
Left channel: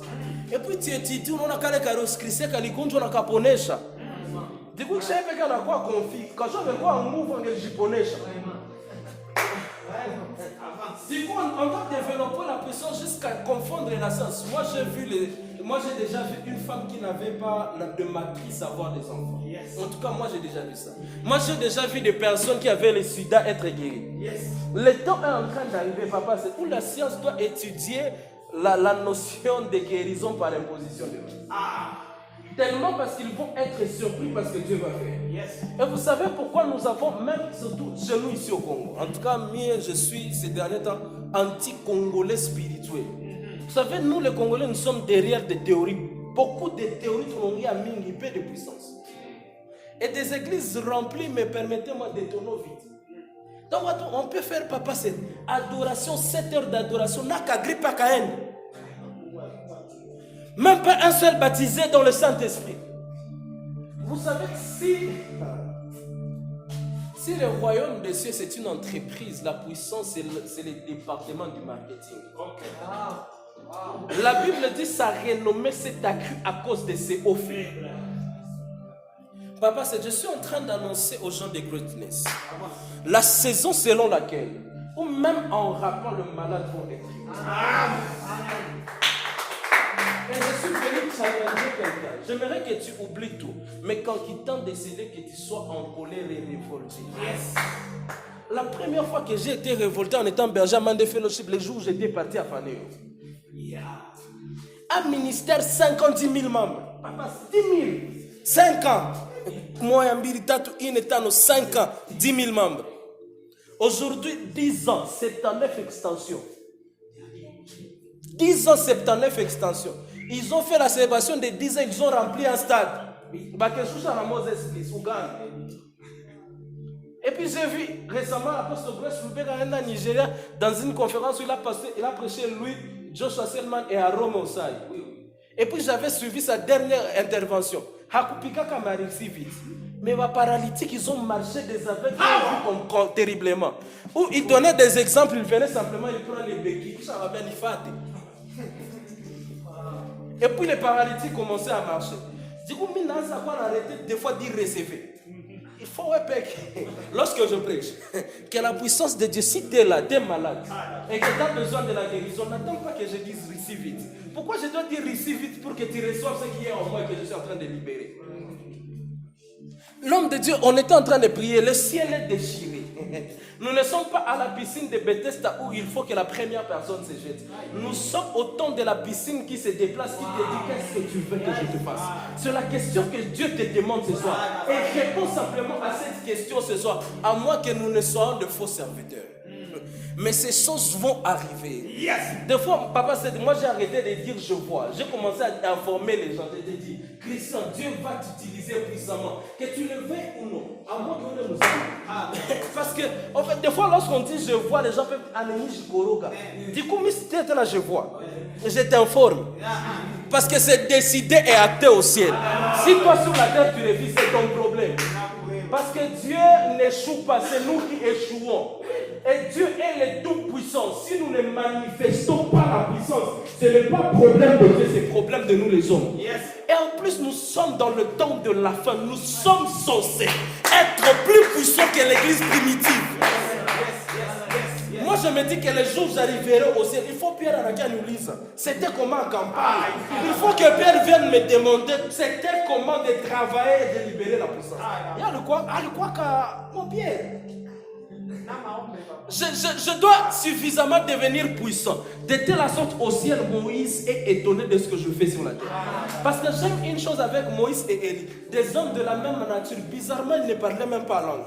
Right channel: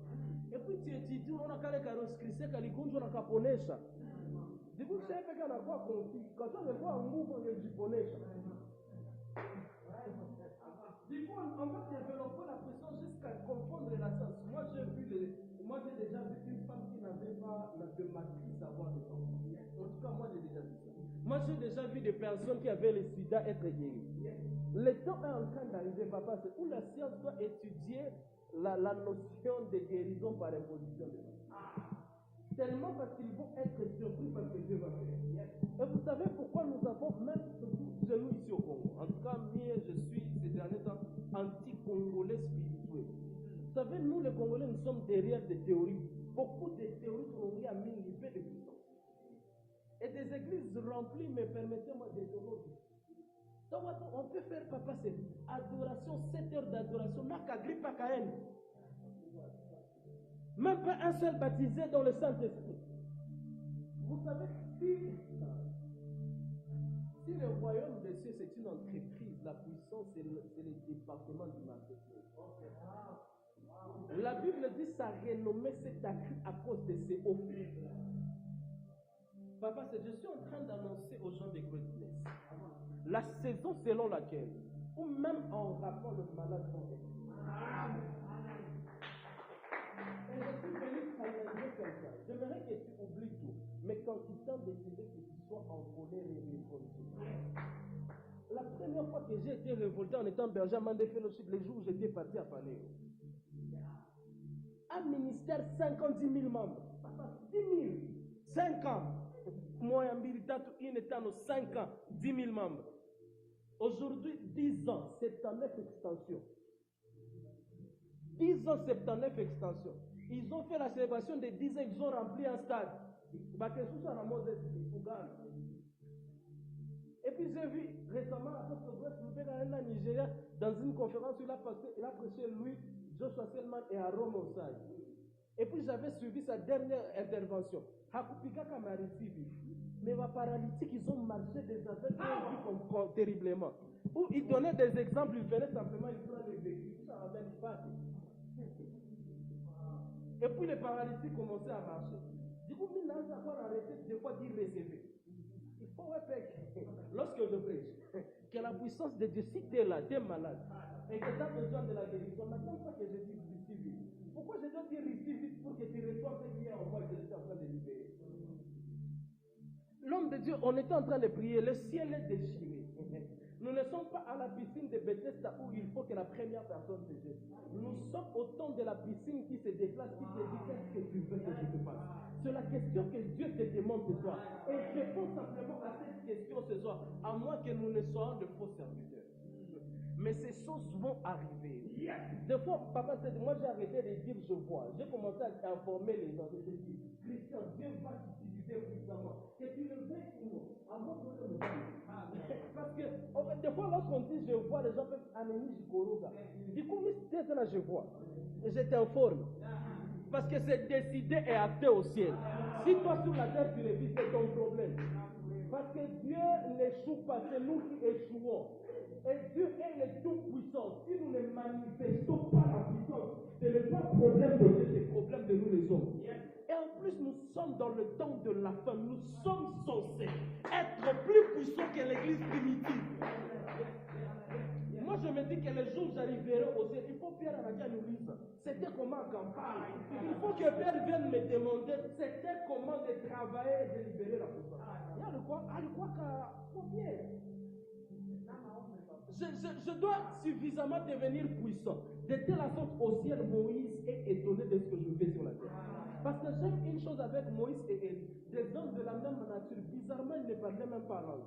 Et puis, tu étudies, on a qu'à les carrosseries, on a qu'à ponesha. Du coup, je sais pas qu'on a quoi conflit. Quand je veux voir un mouvement, je ponesha. Du coup, on doit développer la puissance jusqu'à confondre la science. Moi, j'ai déjà vu une femme qui n'avait pas de matrice avoir des enfants. Yes. En tout cas, moi, j'ai déjà vu ça. Moi, j'ai déjà vu des personnes qui avaient le sida être guéries. Yes. Le temps est en train d'arriver, papa, c'est où la science doit étudier la notion de guérison par imposition de main. Tellement parce qu'ils vont être surpris parce que Dieu va faire. Yes. Et vous savez pourquoi nous avons, même surtout chez nous ici au Congo, en tout cas, moi je suis ces derniers temps anti-congolais spirituel. Vous savez, nous les Congolais, nous sommes derrière des théories. Beaucoup de théories qui ont à mingi peu de puissance. Et des églises remplies, mais permettez-moi d'étonner vite. Donc, on peut faire, papa, cette adoration, 7 heures d'adoration, n'a qu'à gripper à Caïn. Même pas un seul baptisé dans le Saint-Esprit. Vous savez que si le royaume des cieux c'est une entreprise, la puissance c'est le département du marketing. La Bible dit sa renommée s'est accrue à cause de ses hauts faits. Papa, je suis en train d'annoncer aux gens de greatness la saison selon laquelle, ou même en rappant le malade vont être. Et je suis venu challenger quelqu'un. J'aimerais que tu oublies tout. Mais quand il t'a décidé que tu sois en colère et révolté. Yes. La première fois que j'ai été révolté en étant berger à Mande Fellowship, les jours où j'étais parti à Fanéo. Yeah. Un ministère, 50 000 membres. Papa, 10 000. 5 ans. Moi, il est 5 ans, 10 000 membres. Aujourd'hui, 10 ans, 79 extensions. 10 ans, 79 extensions. Ils ont fait la célébration des 10 ans, ils ont rempli un stade. Et puis j'ai vu récemment l'apôtre Grace Lubega en Nigeria dans une conférence où il a prêché lui, Joshua Selman et Arome Osai. Et puis j'avais suivi sa dernière intervention. Hakupika Kamari si vite. Mais les paralytiques, ils ont marché des aveugles terriblement. Où ils donnaient des exemples, ils venaient simplement, ils prenaient les béquilles, ça va bien y faire. Et puis les paralytiques commençaient à marcher. Du coup, maintenant, ça va arrêter des fois d'y recevoir. Il faut que, lorsque je prêche, que la puissance de Dieu, si tu es là, tu es malade, et que tu as besoin de la guérison, n'attends pas que je dise receive vite. Pourquoi je dois dire receive vite pour que tu reçoives ce qui est en moi et que je suis en train de libérer? L'homme de Dieu, on était en train de prier, le ciel est déchiré. Nous ne sommes pas à la piscine de Bethesda où il faut que la première personne se jette. Nous sommes au temps de la piscine qui se déplace, qui te dit qu'est-ce que tu veux que je te fasse. C'est la question que Dieu te demande ce soir. Et réponds simplement à cette question ce soir, à moins que nous ne soyons de faux serviteurs. Mais ces choses vont arriver. Yes. Des fois, papa, moi j'ai arrêté de dire je vois. J'ai commencé à informer les gens. J'ai dit, Christian, Dieu va t'utiliser puissamment. Que tu le veuilles ou non. À moins qu'on ne nous aime. Parce que, en fait, des fois, lorsqu'on dit je vois, les gens peuvent aller Jikoroga. Du coup, mais si tu es là, je vois. Je t'informe. Parce que c'est décidé et acté au ciel. Si toi sur la terre tu le vis, c'est ton problème. Parce que Dieu n'échoue pas, c'est nous qui échouons. Et Dieu est le tout-puissant. Si nous ne manifestons pas la puissance, ce n'est pas problème de Dieu, c'est problème de nous les hommes. Yes. Et en plus, nous sommes dans le temps de la fin. Nous sommes censés être plus puissants que l'église primitive. Moi, je me dis que les jours où j'arriverai au ciel, il faut Pierre Araka nous lise. C'était comment en campagne. Il faut que Pierre vienne me demander c'était comment de travailler et de libérer la puissance. Il y a le quoi? Mon Pierre. Je dois suffisamment devenir puissant. De telle sorte au ciel, Moïse est étonné de ce que je fais sur la terre. Parce que j'aime une chose avec Moïse et Élie. Des hommes de la même nature. Bizarrement, ils ne parlaient même pas langue.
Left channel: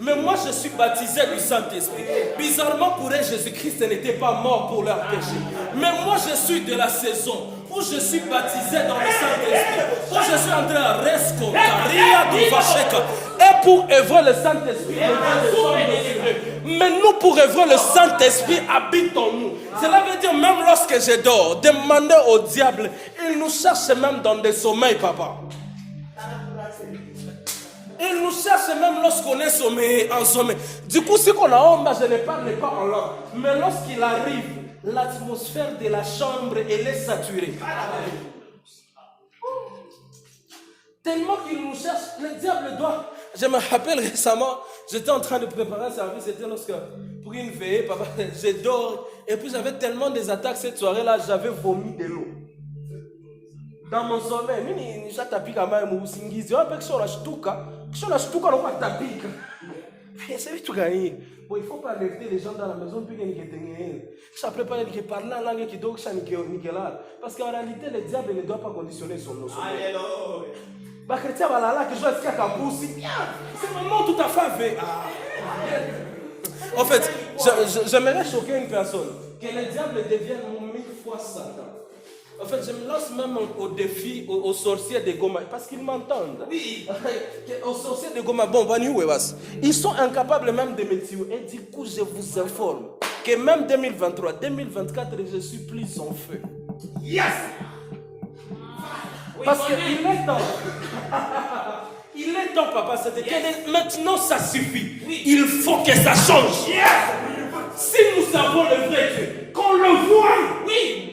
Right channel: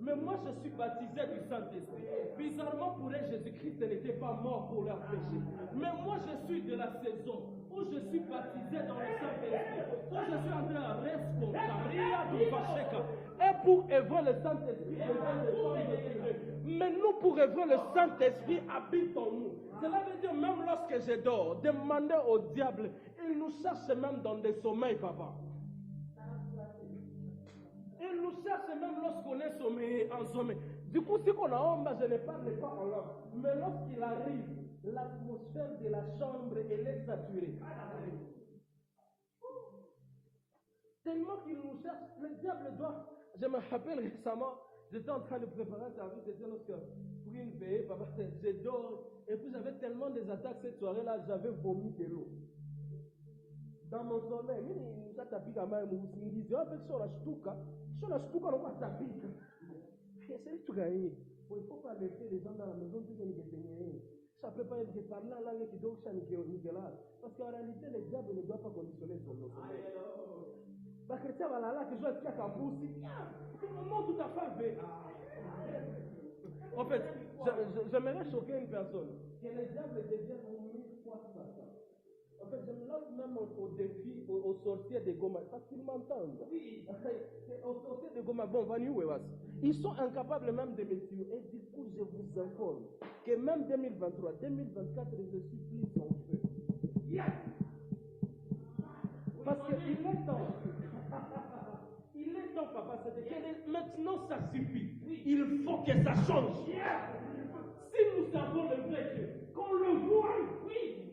Mais moi, je suis baptisé du Saint-Esprit. Bizarrement, pour eux, Jésus-Christ n'était pas mort pour leurs péchés. Mais moi, je suis de la saison où je suis baptisé dans le Saint-Esprit. Où je suis en train de et pour œuvrer le Saint-Esprit, mais nous, pour œuvrer le Saint-Esprit, habite en nous. Cela veut dire, même lorsque je dors, demander au diable, il nous cherche même dans des sommeils, papa. Il nous cherche même lorsqu'on est en sommeil. Du coup, ce qu'on a en bas, je ne parle pas en langue. Mais lorsqu'il arrive, l'atmosphère de la chambre, elle est saturée. Tellement qu'il nous cherche, le diable doit... Je me rappelle récemment, j'étais en train de préparer un service, c'était lorsque, pour une veillée, papa, je dors, et puis j'avais tellement des attaques cette soirée-là, j'avais vomi de l'eau. Dans mon sommeil, il faut pas alerter les gens dans la maison, ça prépare les parler en langue qui doit parce qu'en réalité, le diable ne doit pas conditionner son nom. C'est un moment tout à fait. En fait, j'aimerais choquer une personne. Que le diable devienne 1000 fois Satan. En fait, je me lance même au défi aux sorciers de Goma, parce qu'ils m'entendent. Oui. Aux sorciers de Goma, bon, ils sont incapables même de me tuer. Et du coup, je vous informe que même 2023, 2024, je suis plus en feu. Yes! Parce qu'il est temps. Il est temps, papa. Maintenant, ça suffit. Oui. Il faut que ça change. Yes. Si nous avons le vrai Dieu, qu'on le voie. Oui.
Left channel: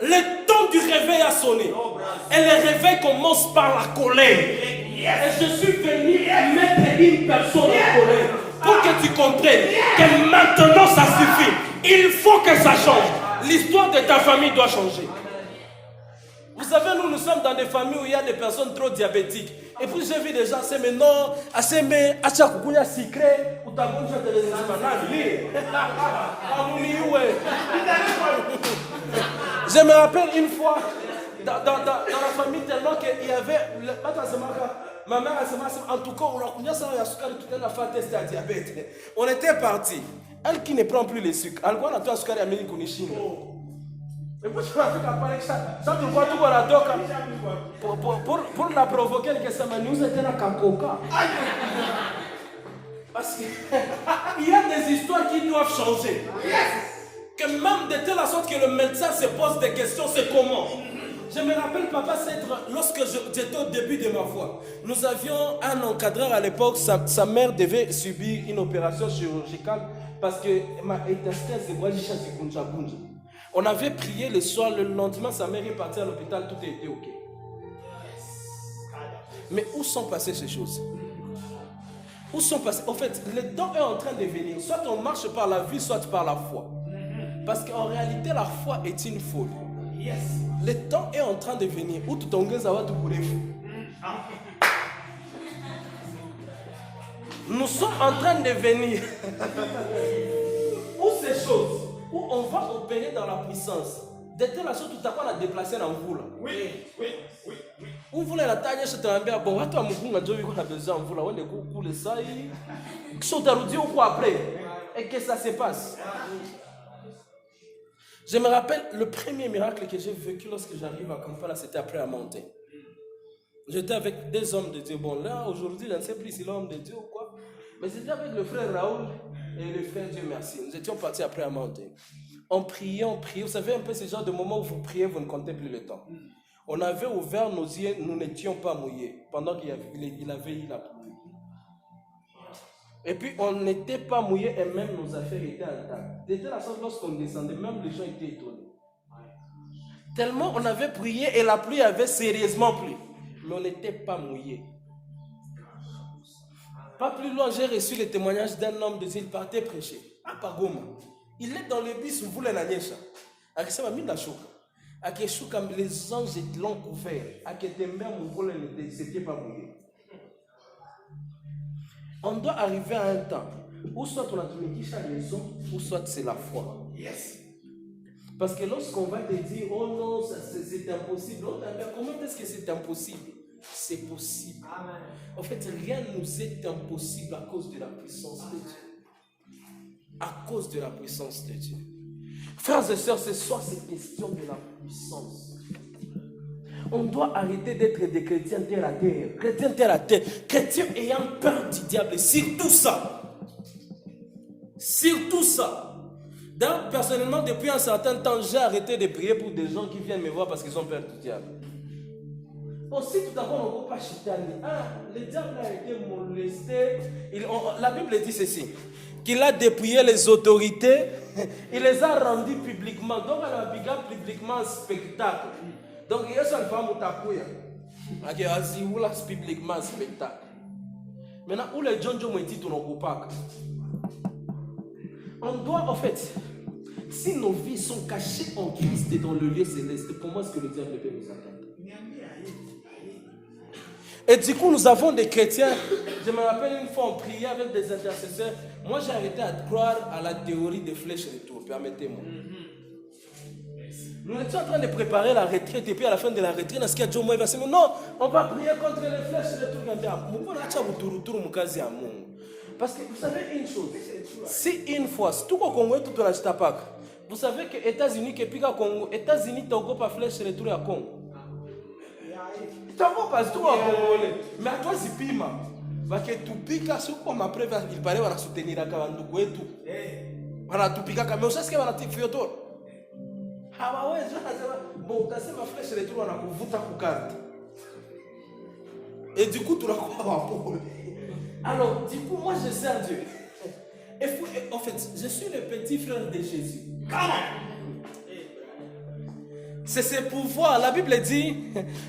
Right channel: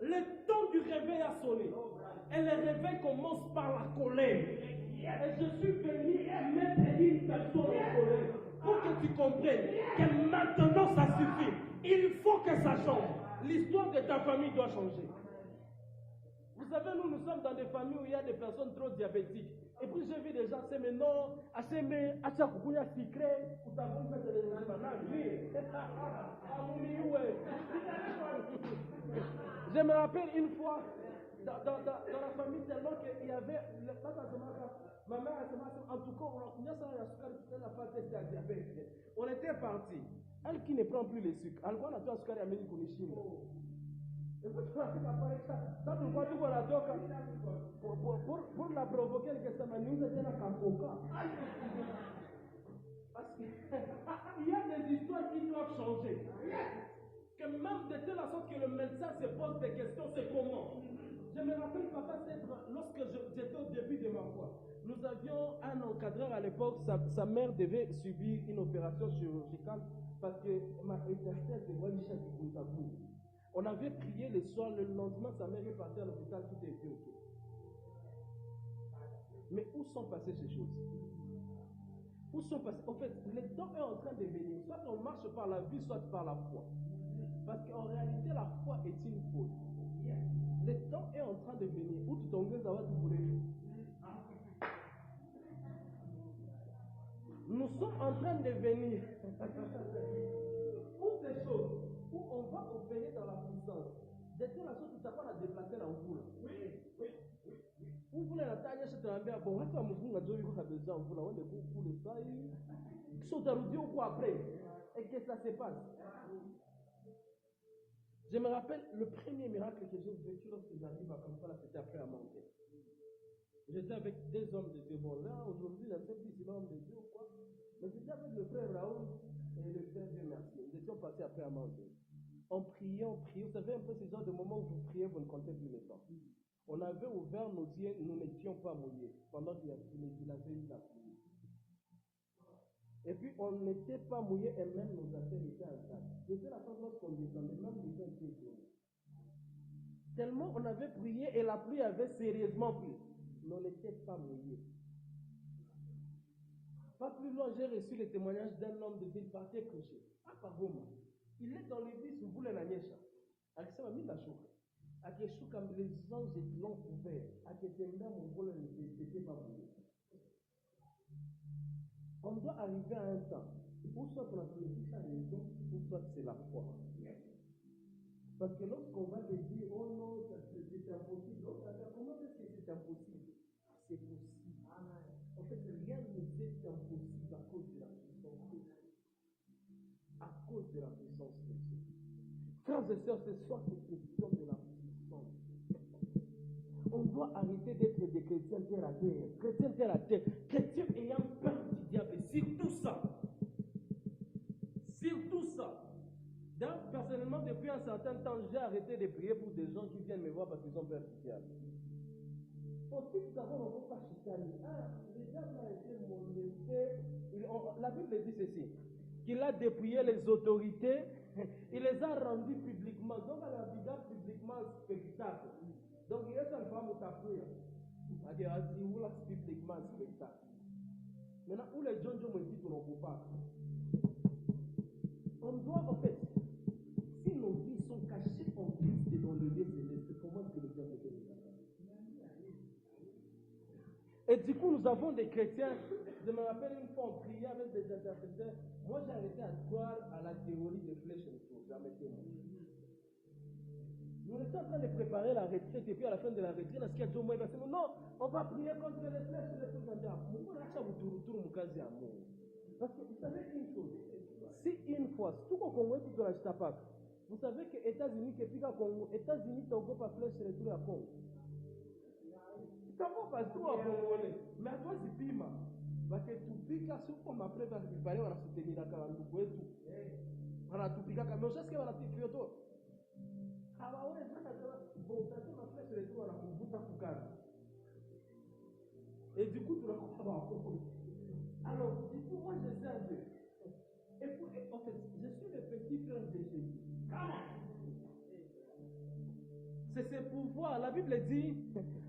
Le temps du réveil a sonné. Et le réveil commence par la colère. Et je suis venu mettre une personne en colère pour que tu comprennes que maintenant ça suffit. Il faut que ça change. L'histoire de ta famille doit changer. Vous savez, nous sommes dans des familles où il y a des personnes trop diabétiques. Et puis j'ai vu des gens, c'est maintenant, c'est mais achakukunya secret, ou ta bonne de les Je me rappelle une fois, dans la famille, tellement qu'il y avait, ma mère, en tout cas, on était partis. Elle qui ne prend plus les sucres, elle voit la toile sucre américaine qu'on est chine. Et puis tu m'as fait parler ça, tu vois tout la doca. Pour la provoquer, que ça m'a nous était la cacoca. Parce qu'il y a des histoires qui doivent changer. Que même de telle sorte que le médecin se pose des questions, c'est comment. Je me rappelle, papa, lorsque j'étais au début de ma foi, nous avions un encadreur à l'époque, sa mère devait subir une opération chirurgicale parce que ma étasquelle se voit juste du kunja. On avait prié le soir, le lendemain, sa mère est partie à l'hôpital, tout était ok. Mais où sont passées ces choses? Où sont passées? En fait, le temps est en train de venir. Soit on marche par la vie, soit par la foi. Parce qu'en réalité, la foi est une folie. Yes. Le temps est en train de venir. Où tout nous sommes en train de venir. Où ces choses? Où on va opérer dans la puissance. De telle sorte tout à coup on a déplacé dans vous là. Oui. Où vous la taille, je te rappelle, bon, attends, on a besoin de vous là, on est cool, ça, ils sont arrondis ou quoi après? Et que ça se passe? Je me rappelle, le premier miracle que j'ai vécu lorsque j'arrive à Kampala, c'était après la montée. J'étais avec des hommes de Dieu. Bon, là, aujourd'hui, je ne sais plus si l'homme de Dieu ou quoi. Mais c'était avec le frère Raoul et le frère Dieu merci. Nous étions partis après la montée. On priait. Vous savez un peu ce genre de moment où vous priez, vous ne comptez plus le temps. On avait ouvert nos yeux, nous n'étions pas mouillés pendant qu'il avait eu la pluie. Et puis on n'était pas mouillés et même nos affaires étaient intactes. C'était la sorte lorsqu'on descendait, même les gens étaient étonnés. Tellement on avait prié et la pluie avait sérieusement plu. Mais on n'était pas mouillés. Pas plus loin, j'ai reçu le témoignage d'un homme de Dieu, il partait prêcher à Pagoma. Il est dans le bus, vous voulez la nièche. Avec ça, il m'a mis les anges l'ont couvert. C'était pas mouillé. On doit arriver à un temps où soit on a trouvé raison, ou soit c'est la foi. Yes. Parce que lorsqu'on va te dire, oh non, c'est impossible, comment est-ce que c'est impossible? C'est possible. Amen. En fait, rien ne nous est impossible à cause de la puissance de Dieu. À cause de la puissance de Dieu. Frères et sœurs, ce soir, c'est question de la puissance. On doit arrêter d'être des chrétiens terre à terre. Chrétiens terre à terre. Chrétiens ayant peur du diable. Surtout ça. Surtout ça. Donc, personnellement, depuis un certain temps, j'ai arrêté de prier pour des gens qui viennent me voir parce qu'ils ont peur du diable. Aussi, tout d'abord, on ne peut pas chitaner. Le diable a été molesté. La Bible dit ceci. Qu'il a dépouillé les autorités. Il les a rendus publiquement. Donc, elle a bigé publiquement un spectacle. Donc, il y a une femme qui a publiquement un spectacle. Maintenant, où les gens ont dit tout le pas. On doit, en fait, si nos vies sont cachées en Christ et dans le lieu céleste, comment est-ce que le diable peut nous atteindre? Et du coup, nous avons des chrétiens. Je me rappelle une fois, on priait avec des intercesseurs. Moi, j'ai arrêté à croire à la théorie des flèches retour. Permettez-moi. Nous étions en train de préparer la retraite. Et puis à la fin de la retraite, il va se dire non, on va prier contre les flèches retour. Parce que vous savez une chose. Si une fois, tout le Congo, tout le Congo, vous savez que les États-Unis, Congo, États-Unis, Togo, pas flèche, retour à Congo. Togo, pas tout à Congolais. Mais à toi, c'est pima. Parce que tu piques à ce qu'on après, il paraît qu'on va soutenir la Kavandougou et tout. Voilà, tu piques à mais ça, c'est qu'on va te faire tout. Ah, bah ouais, bon, t'as ma flèche, retour à vous ta carte. Et du coup, tu l'as quoi? Alors, du coup, moi, je sers Dieu. En fait, je suis le petit frère de Jésus. C'est ce pouvoir. La Bible dit,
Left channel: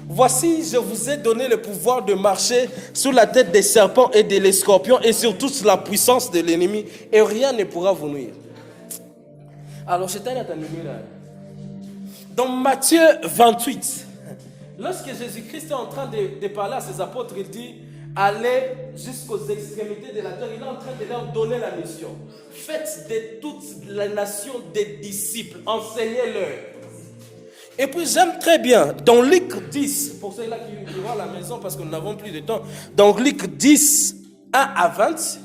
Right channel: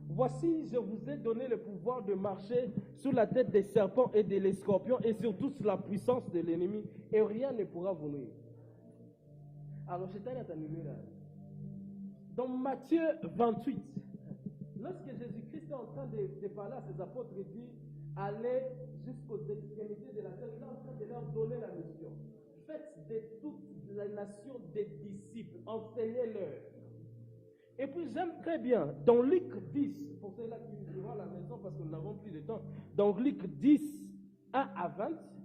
voici, je vous ai donné le pouvoir de marcher sur la tête des serpents et des scorpions et sur toute la puissance de l'ennemi et rien ne pourra vous nuire. Alors, je t'ai entendu là. Dans Matthieu 28, lorsque Jésus-Christ est en train de parler à ses apôtres, il dit, allez jusqu'aux extrémités de la terre. Il est en train de leur donner la mission. Faites de toutes les nations des disciples. Enseignez-leur. Et puis j'aime très bien, dans Luc 10, pour ceux-là qui vont à la maison parce que nous n'avons plus de temps, dans Luc 10, 1 à 20,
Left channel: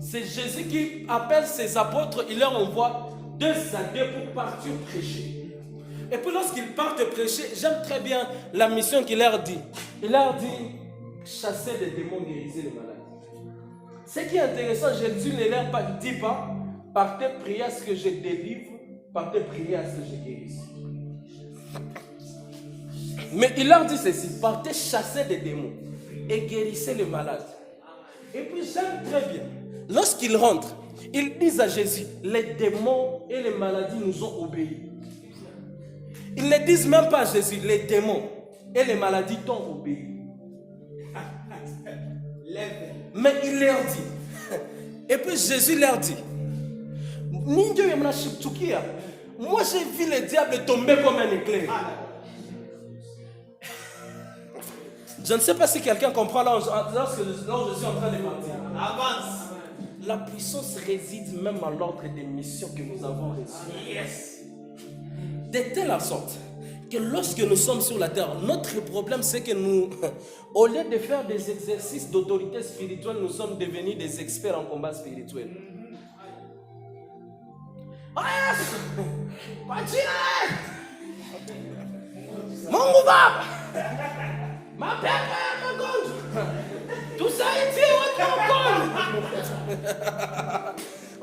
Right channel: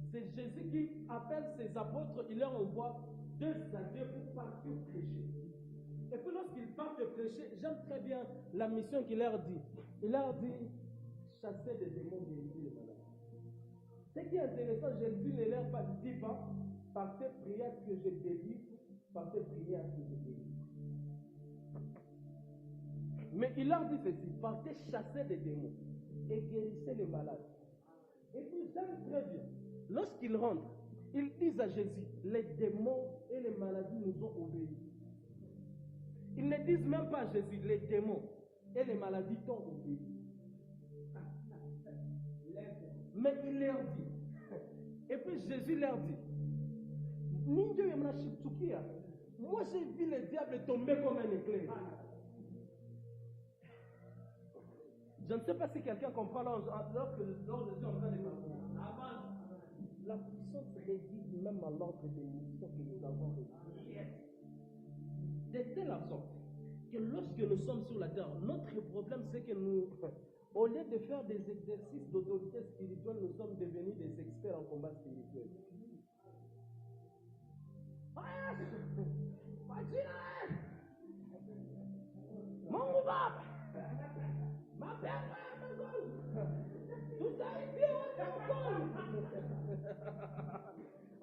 c'est Jésus qui appelle ses apôtres, il leur envoie 2 à 2 pour partir prêcher. Et puis lorsqu'ils partent prêcher, j'aime très bien la mission qu'il leur dit. Il leur dit, chassez les démons, guérissez les malades. Ce qui est intéressant, Jésus ne leur dit pas, partez prier à ce que je délivre, partez prier à ce que je guérisse. Mais il leur dit ceci, partez chasser des démons et guérissez les malades. Et puis j'aime très bien, lorsqu'ils rentrent, ils disent à Jésus, les démons et les maladies nous ont obéi. Ils ne disent même pas à Jésus, les démons et les maladies t'ont obéi. Mais il leur dit, et puis Jésus leur dit, moi j'ai vu le diable tomber comme un éclair. Je ne sais pas si quelqu'un comprend lorsque je suis en train de partir. Avance. La puissance réside même à l'ordre des missions que nous avons reçues. Yes. De telle sorte que lorsque nous sommes sur la terre, notre problème c'est que nous, au lieu de faire des exercices d'autorité spirituelle, nous sommes devenus des experts en combat spirituel. Mon Baba, ma père, ma gonde, tout ça est dit,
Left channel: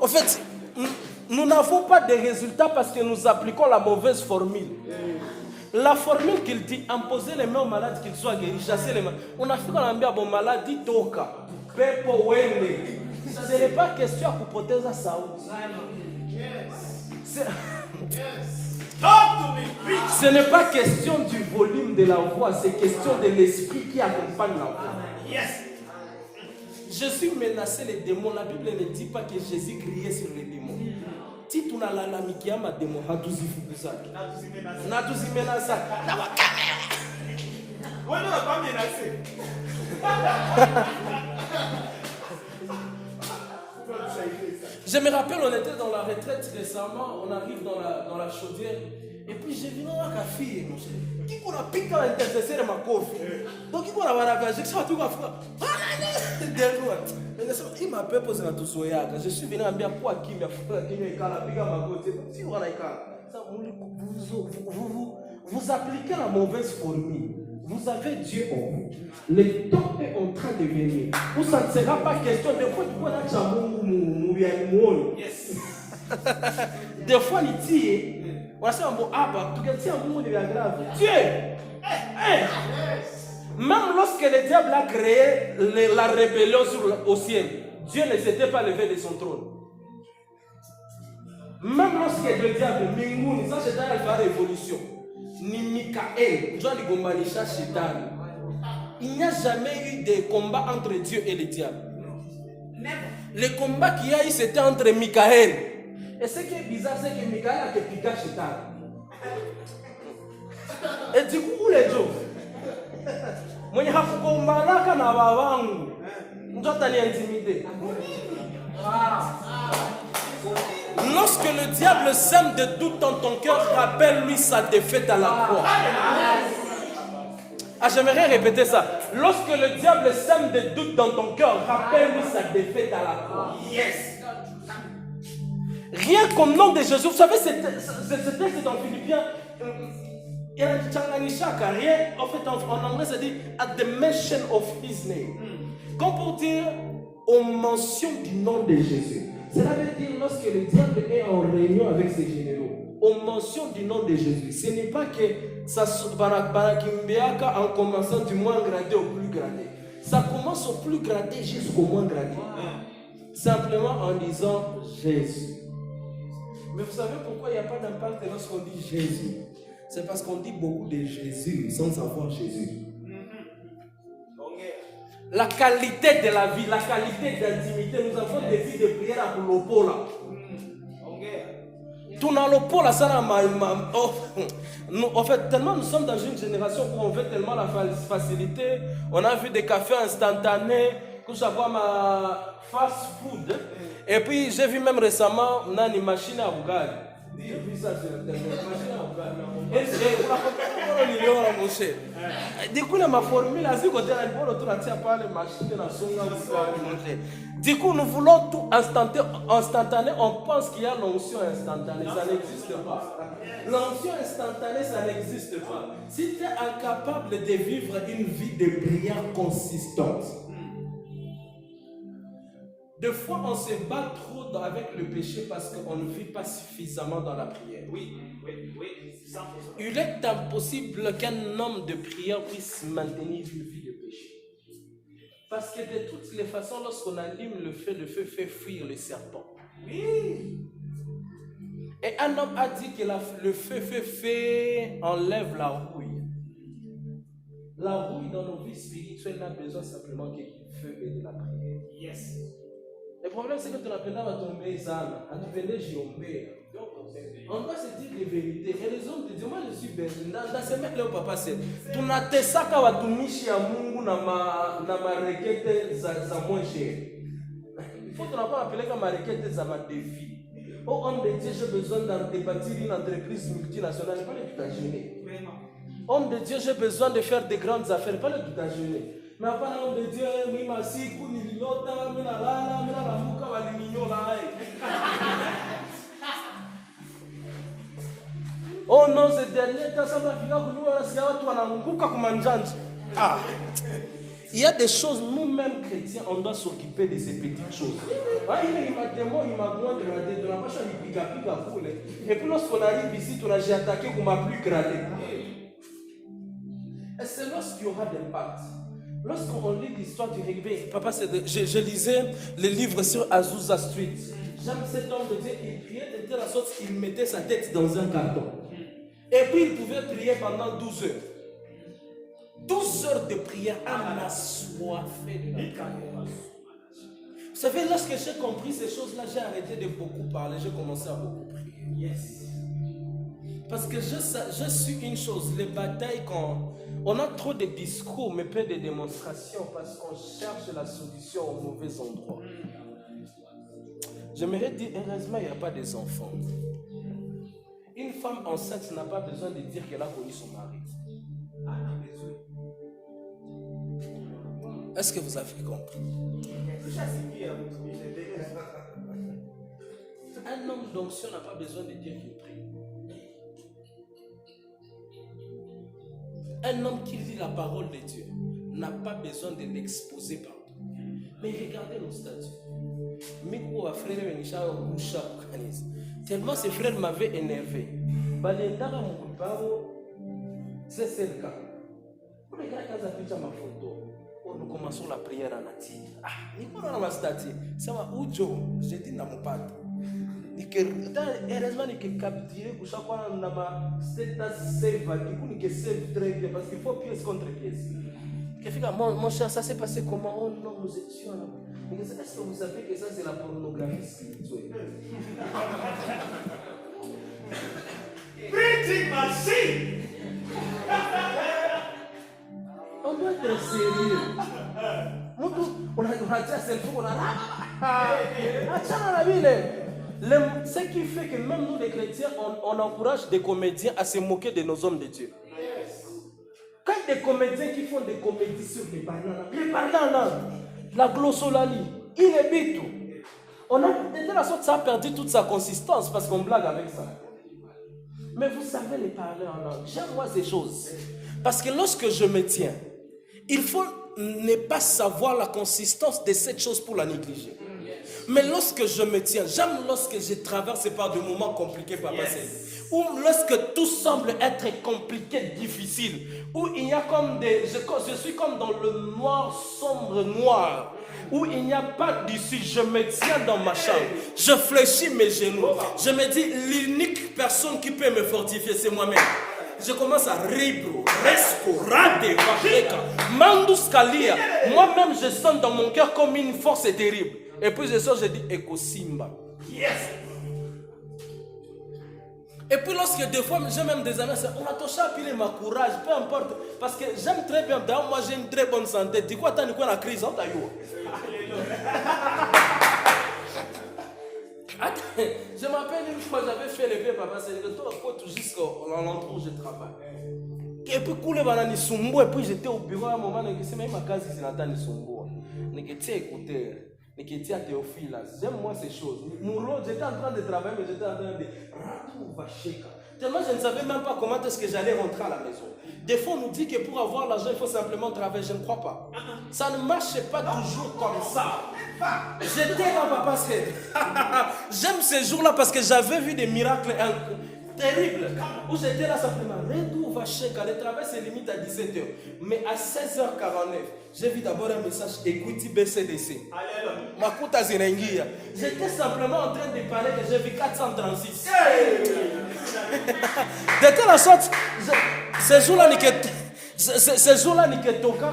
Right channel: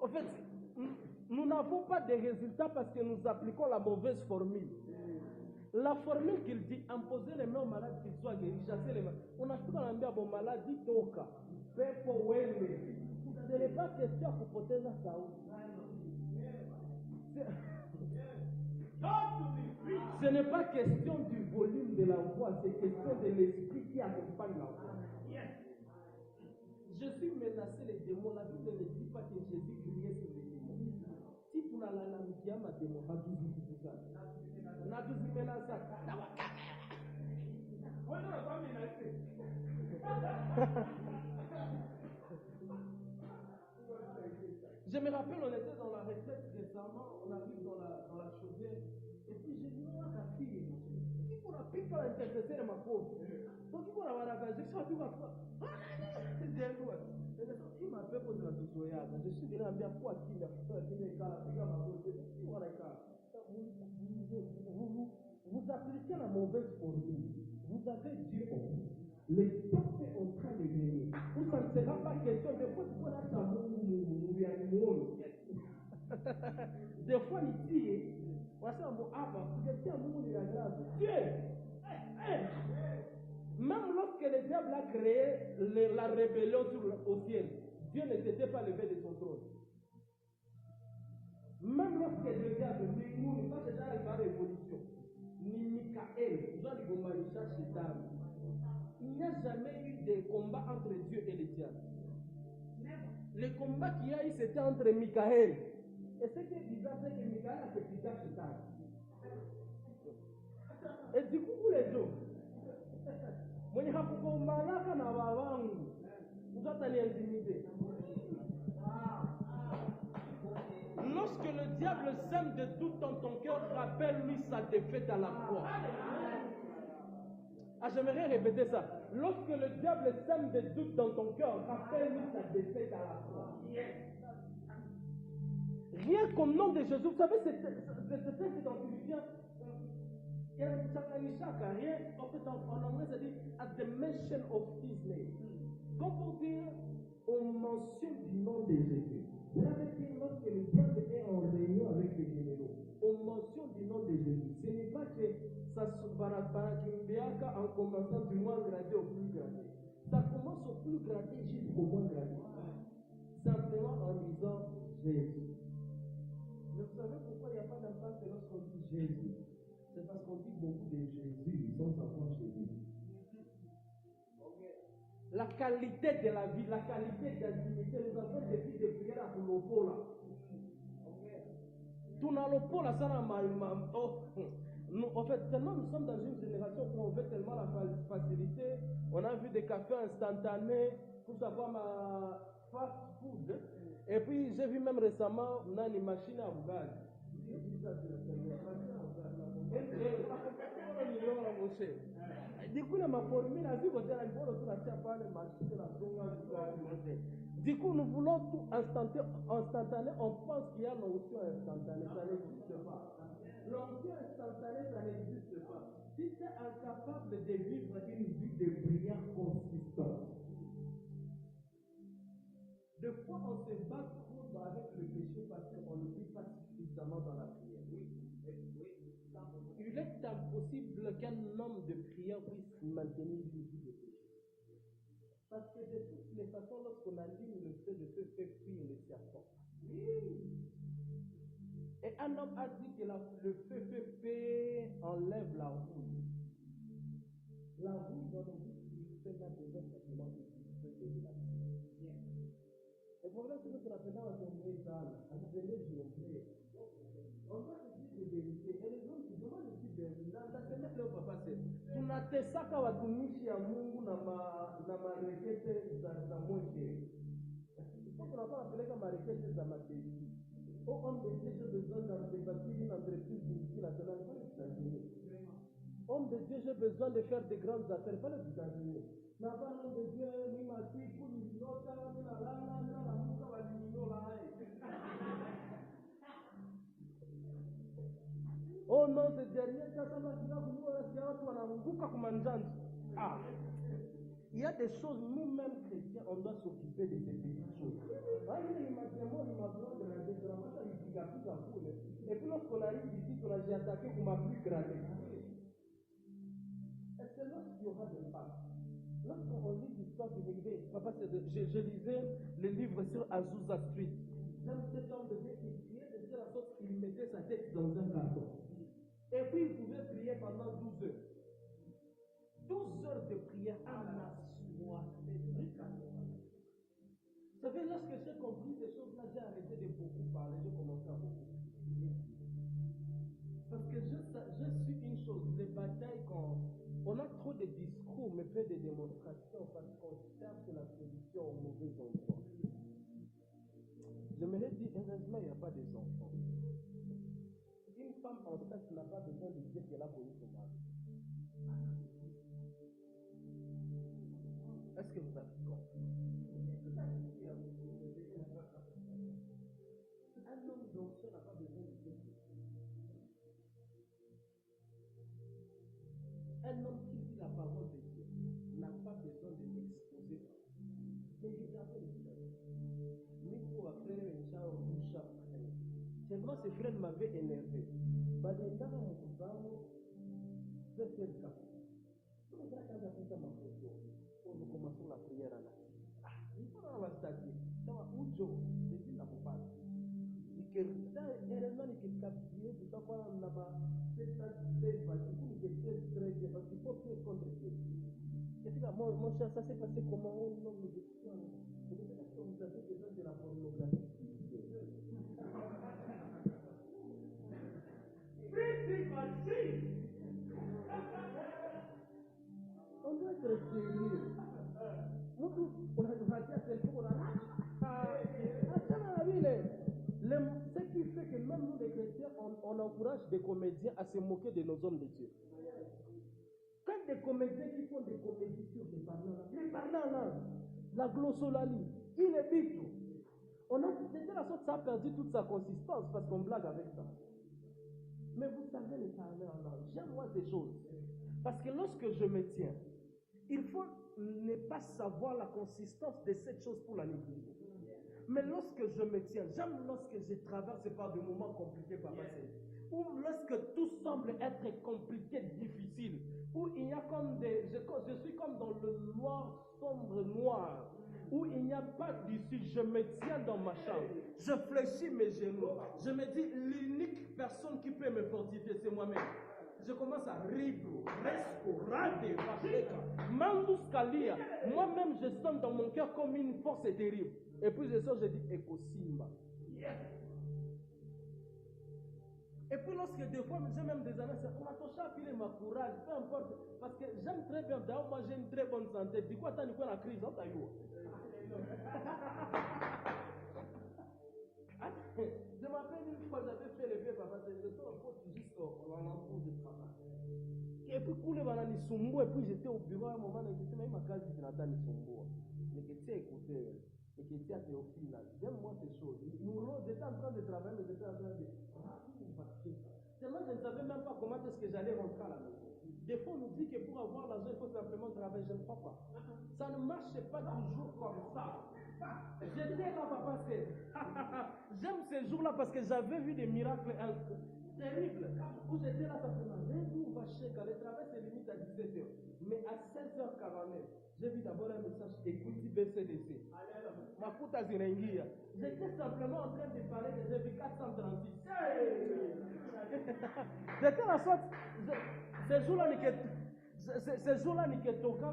en fait, nous n'avons pas de résultats parce que nous appliquons la mauvaise formule. La formule qu'il dit, imposer les mains aux malades qu'ils soient guéris, chasser les mains. On a fait qu'on a mis à bon malade, dit toka, pepo wende. Ce n'est pas question pour protéger ça. Ce n'est pas question du volume de la voix, c'est question de l'esprit qui accompagne la voix. Je suis menacé les démons. La Bible ne dit pas que Jésus criait sur les démons. Si tu n'as la mikia ma démon, hatuzi fukusa. Natuzi menasa. Ouais, non, pas menacé. Je me rappelle, on était dans la retraite récemment, on arrive dans la chaudière, et puis j'ai vu une fille, qui qu'on a piqué à l'intercesseur de ma coffre. Donc, qui qu'on a ravagé, ça va tout faire. Il m'a pas posé dans tout soya. Je suis venu à dire quoi qui m'a fait qui m'a piqué à ma côté. Si vous vous appliquez la mauvaise formule. Vous avez Dieu en vous. Le temps est en train de venir. Où ça ne sera pas question de fois tu connais chamou. Yes. Des fois il dit on a un bon abba, tu as un mot de grave. Dieu. Même lorsque le diable a créé la rébellion au ciel, Dieu ne s'était pas levé de son trône. Même lorsque le diable, Mingouni, ça c'est dans la révolution, ni Michael, il n'y a jamais eu de combat entre Dieu et le diable. Le combat qu'il y a eu, c'était entre Michael. Et ce qui est bizarre, c'est que Michael a piqué Chétan. Et du coup, où les gens? Lorsque le diable sème de doute dans ton cœur, rappelle-lui sa défaite à la croix. J'aimerais répéter ça. Lorsque le diable sème de doute dans ton cœur, rappelle-lui sa défaite à la croix. Yes. Rien qu'au nom de Jésus. Vous savez, ce texte dans Philippiens, il y a rien. En fait, en anglais, ça dit at the mention of his name. Comme pour dire, on mentionne du nom de Jésus. Cela veut dire lorsque le diable est en réunion avec ses généraux, on mentionne du nom de Jésus. Ce n'est pas que ça en commençant du moins gradé au plus gradé. Ça commence au plus gradé jusqu'au moins gradé. Simplement en disant Jésus. Mais vous savez pourquoi il n'y a pas d'impact lorsqu'on dit Jésus? C'est parce qu'on dit beaucoup de Jésus sans savoir Jésus. La qualité de la vie, la qualité d'intimité, nous avons des vies de prière à Lopola. Tout dans Lopola, ça en fait, tellement nous sommes dans une génération où on veut tellement la facilité. On a vu des cafés instantanés, que ça soit ma fast food. Et puis j'ai vu même récemment une machine à Bougali. J'ai vu ça sur internet. Machine à Bougali. Du coup, ma formule, du coup, nous voulons tout instantané. On pense qu'il y a l'onction instantanée. Ça n'existe pas. L'onction instantanée, ça n'existe pas. Si tu es incapable de vivre une vie de prière consistante, des fois, on se bat trop avec le péché parce qu'on ne vit pas suffisamment dans la prière. Oui. Il est impossible qu'un homme de prière puisse maintenir une vie de péché. Parce que de toutes les façons, lorsqu'on allume le feu fait fuir le serpent. Oui. Et un homme a dit que le feu enlève la rouille. La rouille dans nos vies spirituelles n'a besoin simplement que du feu et de la prière. Yes. Le problème, c'est que tu n'as pas tombé ça. On doit se dire les vérités. Et les hommes te disent, moi je suis berlin. Dans ce mec là, papa, c'est. Tu n'as pas ça quand tu miches à Mungu na ma requête za moins cher. Il faut que tu n'as pas appelé comme ma requête za ma défi. Oh homme de Dieu, j'ai besoin de bâtir une entreprise multinationale. Pas le tout à gêner. Homme de Dieu, j'ai besoin de faire des grandes affaires. Pas le tout à gêner. Mais après, homme de Dieu, oui, ma si, kuni lilota, mina lala, mina la muka, walimignon là. Oh non, ce dernier temps, ça m'a fait il y a des choses, nous-mêmes chrétiens, on doit s'occuper de ces petites choses. Et puis lorsqu'on arrive ici, on a attaqué comme ma plus gradé. Et c'est lorsqu'il y aura des pactes. Lorsqu'on lit l'histoire du rugby, papa, je lisais le livre sur Azusa Street. J'aime cet homme de Dieu, il priait de telle sorte qu'il mettait sa tête dans un carton. Et puis il pouvait prier pendant 12 heures. 12 heures de prière à assoiffé de la prière. Vous savez, lorsque j'ai compris ces choses-là, j'ai arrêté de beaucoup parler, j'ai commencé à beaucoup prier. Yes. Parce que je suis une chose, les batailles, quand on a trop de discours, mais peu de démonstrations, parce qu'on cherche la solution au mauvais endroit. J'aimerais dire, heureusement, il n'y a pas des enfants. Une femme enceinte n'a pas besoin de dire qu'elle a connu son mari. Est-ce que vous avez compris? Un homme d'onction n'a pas besoin de dire qu'il prie. Un homme qui lit la parole de Dieu n'a pas besoin de l'exposer partout. Mais regardez nos statuts. Tellement ces frères m'avaient énervé. C'est le cas. Nous commençons la prière en attire. Ça va où Joe? J'ai dit dans mon pâte. Heureusement que capturer pour chaque fois on a ma save très bien parce qu'il faut pièce contre pièce. Mon cher, ça s'est passé comment? Oh non, nous étions là. Est-ce que vous savez que ça c'est la pornographie spirituelle? Printing machine. On doit être sérieux. On a dit c'est le fou, on a ce qui fait que même nous les chrétiens, on encourage des comédiens à se moquer de nos hommes de Dieu. Quand des comédiens qui font des comédies sur les bananes là, la glossolalie, il est bitou. De telle sorte, ça a perdu toute sa consistance parce qu'on blague avec ça. Mais vous savez les parler en langue. J'aime moi ces choses. Parce que lorsque je me tiens, il faut ne pas savoir la consistance de cette chose pour la négliger. Mais lorsque je me tiens, j'aime lorsque je traverse par des moments compliqués, Papa Céline. Ou lorsque tout semble être compliqué, difficile. Où il y a comme des... Je suis comme dans le noir, sombre noir. Où il n'y a pas d'issue, je me tiens dans ma chambre, je fléchis mes genoux, je me dis l'unique personne qui peut me fortifier c'est moi-même. Je commence à ribro, resco, rade, vacheka, mandus kalia. Moi-même je sens dans mon cœur comme une force terrible. Et puis je sors, je dis Eko Simba. Et puis lorsque des fois, j'ai même des amis, on a touché à piler ma courage, peu importe. Parce que j'aime très bien, d'ailleurs moi j'ai une très bonne santé. Dis quoi, t'as une quoi la crise, hein, je m'appelle une fois, j'avais fait le vieux papa, c'est le tour jusqu'à l'endroit où je travaille. Et puis, et puis j'étais au bureau à un moment, c'est même ma case, c'est Nathan Nisumbo. J'étais écouteur, j'étais à Théophile. J'aime moi ces choses. J'étais en train de travailler, mais j'étais en train de. Tellement je ne savais même pas comment est-ce que j'allais rentrer à la maison. Des fois, on nous dit que pour avoir l'argent, il faut simplement travailler. Je ne crois pas. Ça ne marche pas toujours comme ça. J'étais là, papa. J'aime ces jours-là parce que j'avais vu des miracles terribles. Où j'étais là simplement. Le travail se limite à 17h. Mais à 16h49, j'ai vu d'abord un message Equity BCDC. Makuta Zinengia. J'étais simplement en train de parler que j'ai vu 436. De telle sorte, ces jours-là, ni que toka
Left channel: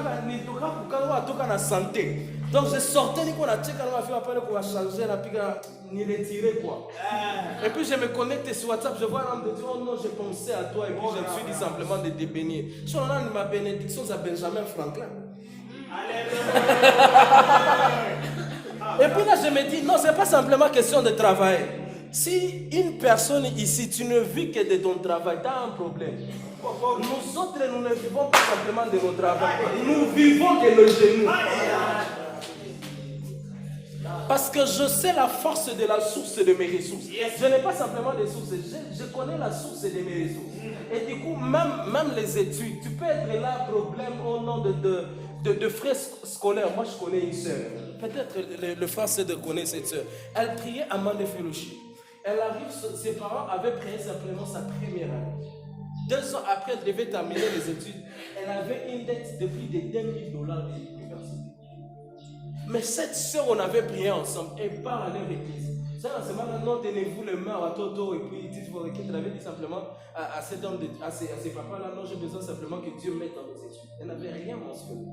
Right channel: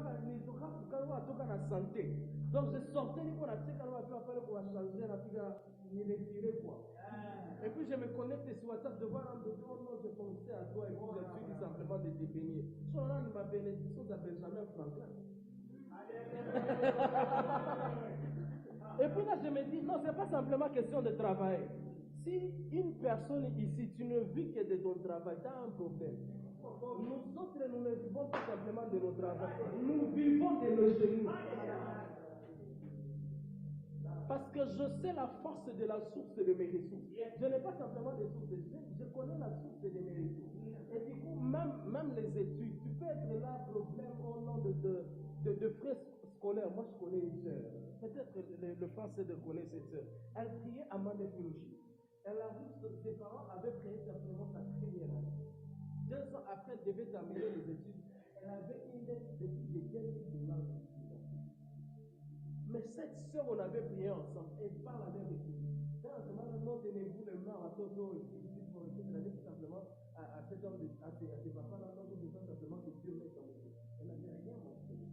na santé. Donc je sortais, ni qu'on a checké, on a fait appel qu'on va changer, ni retirer quoi. Et puis je me connecte sur WhatsApp, je vois l'homme de Dieu, oh non, je pensais à toi, et puis je me suis dit simplement de te bénir. Je suis là, ma bénédiction, c'est Benjamin Franklin. Et puis là, je me dis, non, c'est pas simplement question de travail. Si une personne ici, tu ne vis que de ton travail, tu as un problème. Nous autres, nous ne vivons pas simplement de notre travail. Nous vivons de nos genoux. Parce que je sais la force de la source de mes ressources. Je n'ai pas simplement des sources, je connais la source de mes ressources. Et du coup, même les études, tu peux être là, problème au nom de frais scolaires. Moi, je connais une sœur. Peut-être le frère de connaître cette sœur. Elle priait à Mandefellowship. Elle arrive, ses parents avaient prié simplement sa première année. 2 ans après, elle devait terminer les études. Elle avait une dette de plus de $10,000 de l'université. Mais cette sœur, on avait prié ensemble. Elle part à leur église. Ça, c'est maintenant, tenez-vous les mains à Toto. Et puis, dites-vous qu'elle avait dit simplement à cet homme, à ces papas-là, non, j'ai besoin simplement que Dieu mette dans nos études. Elle n'avait rien mentionné.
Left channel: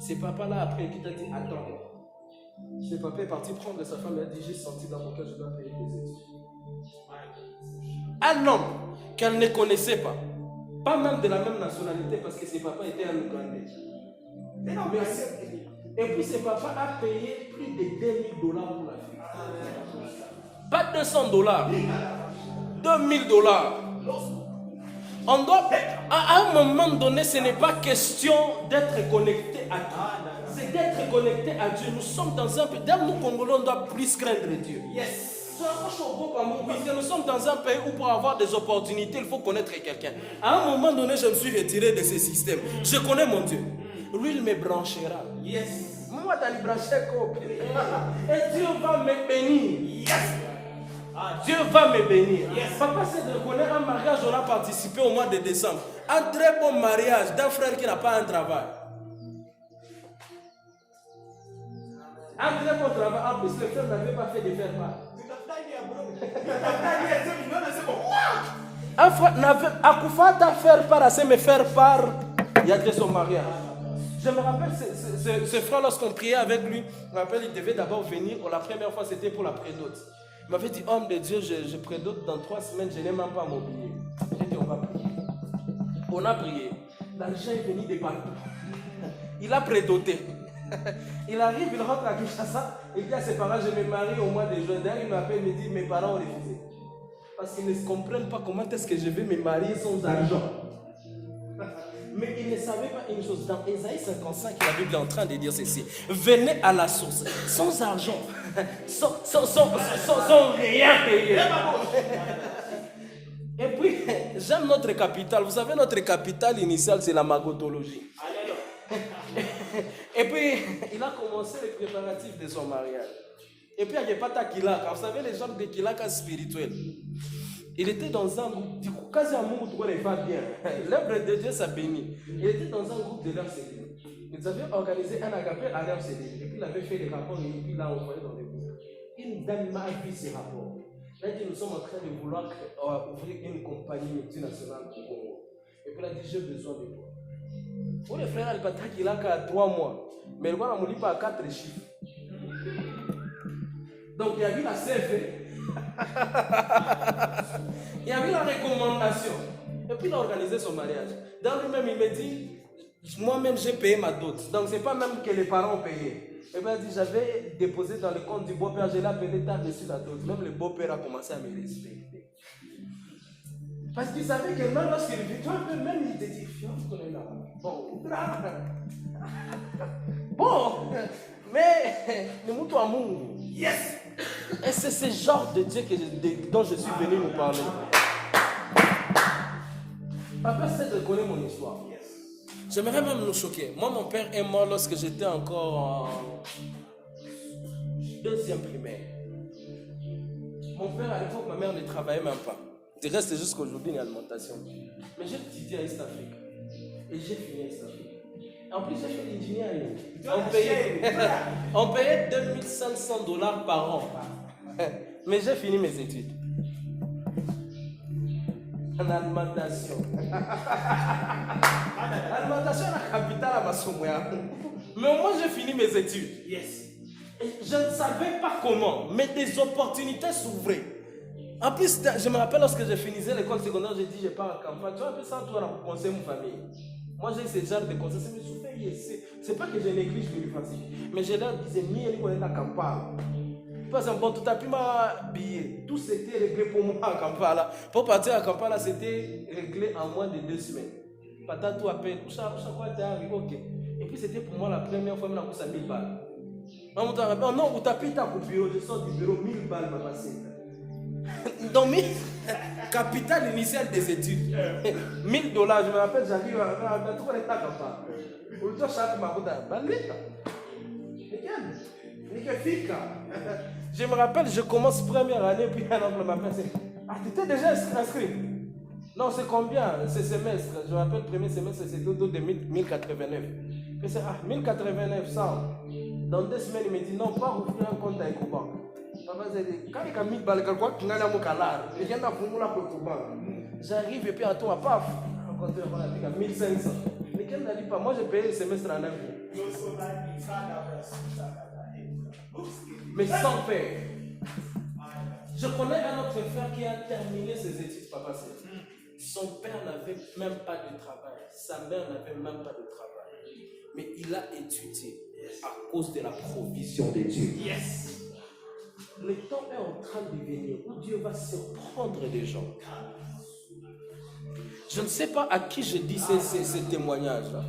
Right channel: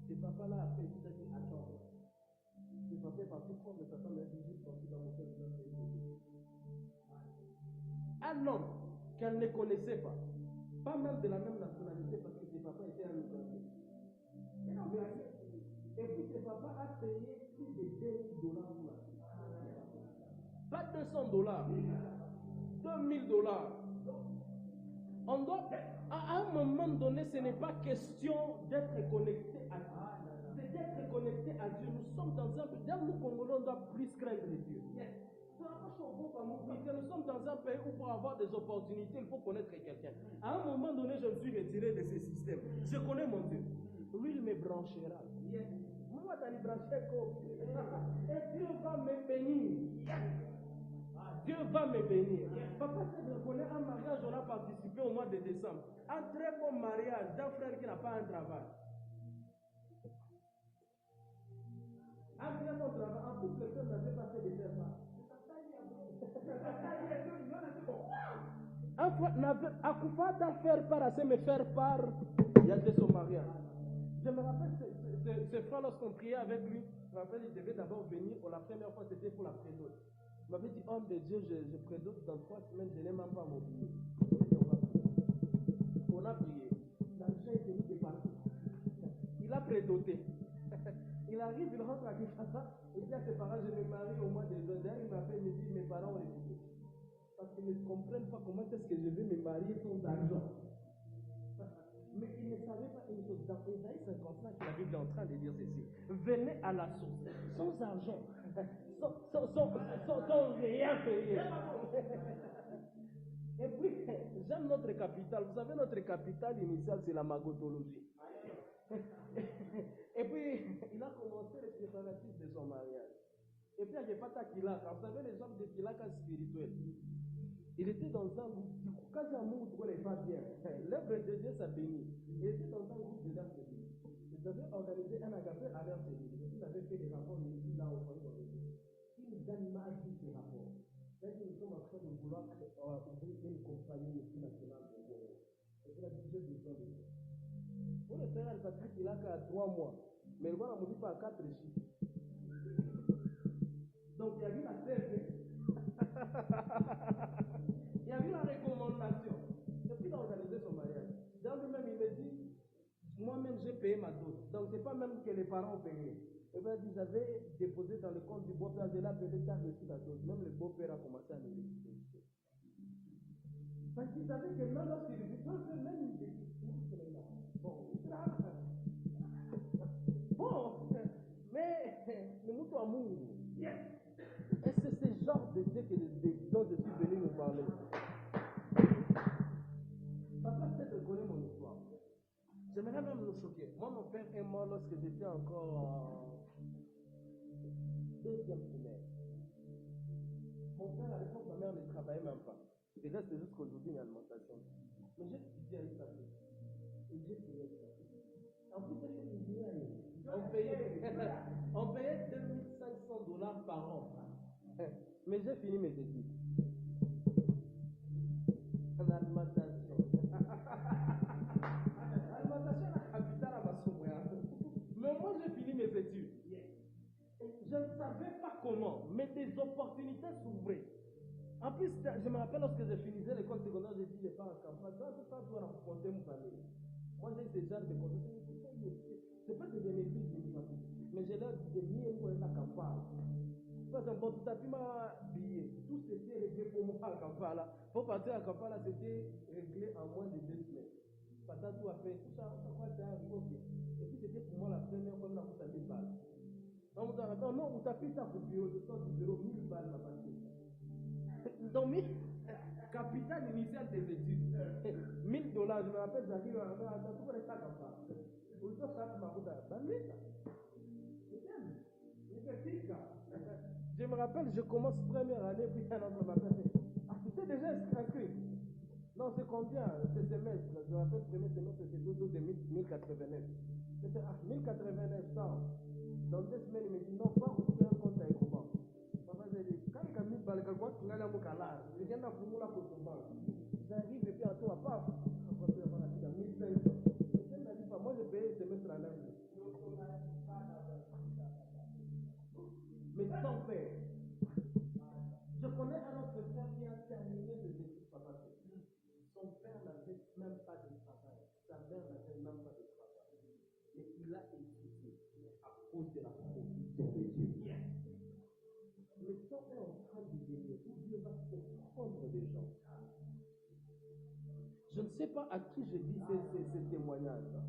Ces papas-là, après, qui t'a dit, attends. Ce papa est parti prendre sa femme. Elle a dit, j'ai senti dans mon cœur, je dois payer les études. Un homme qu'elle ne connaissait pas. Pas même de la même nationalité, parce que ses papas étaient un Ougandais. Et puis ses papas a payé plus de $10,000 pour la fille. Pas $200, $2,000. On doit, à un moment donné, ce n'est pas question d'être connecté à Dieu. C'est d'être connecté à Dieu. Nous sommes dans un pays, d'ailleurs nous Congolais, on doit plus craindre Dieu. Yes. Nous sommes dans un pays où pour avoir des opportunités, il faut connaître quelqu'un. À un moment donné, je me suis retiré de ce système. Je connais mon Dieu. Lui, il me branchera. Yes. Moi, tu as branché et Dieu va me bénir. Yes. Dieu va me bénir. Yes. Papa, c'est de connaître un mariage, on a participé au mois de décembre. Un très bon mariage d'un frère qui n'a pas un travail. Un très bon travail. En plus, le frère n'avait pas fait de faire part. Un frère n'avait pas faire part à me faire part. Il y a de son mariage. Je me rappelle ce frère, lorsqu'on priait avec lui, je me rappelle, il devait d'abord venir. La première fois, c'était pour la prédote. Il m'avait dit, homme de Dieu, je prédote dans 3 semaines, je n'ai même pas mon billet. J'ai dit, on va prier. On a prié. L'argent est venu de partout. Il a prédoté. Il arrive, il rentre à Kinshasa, il dit à ses parents, je me marie au mois de juin. D'ailleurs, il m'appelle, il me dit, mes parents ont refusé. Parce qu'ils ne comprennent pas comment est-ce que je vais me marier sans argent. Mais ils ne savaient pas une chose. Dans Ésaïe 55, la Bible est en train de dire ceci. Venez à la source. Sans argent, sans rien payer. Et puis, j'aime notre capitale. Vous savez, notre capitale initiale, c'est la magotologie. Et puis, il a commencé les préparatifs de son mariage. Et puis, il n'y a pas ta Kilaka. Vous savez, les gens de Kilaka spirituels. Il était dans un groupe, du coup, quasi un monde où il va bien. L'œuvre de Dieu s'est béni. Il était dans un groupe de l'RCD. Ils avaient organisé un agapé à l'RCD. Et puis, il avait fait des rapports et puis il l'a envoyé dans les groupes. Une dame m'a vu ces rapports. Il a dit, nous sommes en train de vouloir ouvrir une compagnie multinationale au Congo. Et puis, il a dit, j'ai besoin de toi. Pour les frères, il a qu'à 3 mois. Mais le gars, on ne lit pas à 4 chiffres. Donc, il y a eu la CV. Il y avait la recommandation. Et puis il a organisé son mariage. Dans lui-même, il me dit, moi-même j'ai payé ma dot. Donc ce n'est pas même que les parents ont payé. Et puis il a dit, j'avais déposé dans le compte du beau-père, je l'ai appelé tard dessus la dot. Même le beau-père a commencé à me respecter. Parce qu'il savait que même lorsqu'il vit, même il te dit, on est là. Bon, mais le mouton à Mungu. Yes! Et c'est ce genre de Dieu dont je suis venu nous parler. Papa, c'est de connaître mon histoire. J'aimerais même nous choquer. Moi, mon père est mort lorsque j'étais encore en 2e primaire. Mon père, à l'époque, ma mère ne travaillait même pas. Du reste, c'est jusqu'à aujourd'hui une alimentation. Mais j'ai étudié à East Africa. Et j'ai fini à East Africa. En plus, j'ai fait l'ingénierie. On payait $2500 par an. Mais j'ai fini mes études. En alimentation. Alimentation est la capitale à Massoumouya. Mais au moins, j'ai fini mes études. Yes. Et je ne savais pas comment, mais des opportunités s'ouvraient. En plus, je me rappelle lorsque je finissais l'école secondaire, j'ai dit, je pars en campagne. Tu vois un peu ça, toi, pour conseiller ma famille. Moi, j'ai ce genre de conseils. C'est pas que je néglige l'université, mais je leur disais, mieux, on est dans la campagne. Parce que bon, tout à fait, ma billet, tout s'était réglé pour moi en Kampala. Pour partir à Kampala, c'était réglé en moins de 2 semaines. Pata tout appelle, chaque fois tu es arrivé, ok. Et puis c'était pour moi la première fois, je me suis 1000 balles. Non, vous tapez ta bureau, je sors du bureau, 1000 balles, ma passé. Donc, capital initial des études. $1000, je me rappelle, j'arrive à tout le temps à Kampala. Au lieu de chaque maroda, balita. Je me rappelle, je commence première année, puis un homme m'appelle. Ah, tu t'es déjà inscrit? Non, c'est combien ce semestre? Je me rappelle, le premier semestre, c'est tout de 1089. Je dis, ah, 1089, ça. Dans 2 semaines, il me dit, non, pas ouvrir un compte à EcoBank. Papa, j'ai dit, quand il y a 1000 balles, tu n'as pas de calage. J'arrive et puis à toi, paf, un compte à 1500. Mais qu'elle n'a dit pas, moi j'ai payé le semestre en 9 jours. Mais sans paix. Je connais un autre frère qui a terminé ses études, papa. Son père n'avait même pas de travail. Sa mère n'avait même pas de travail. Mais il a étudié à cause de la provision de Dieu. Yes. Le temps est en train de venir où Dieu va surprendre les gens. Je ne sais pas à qui je dis ces témoignages-là.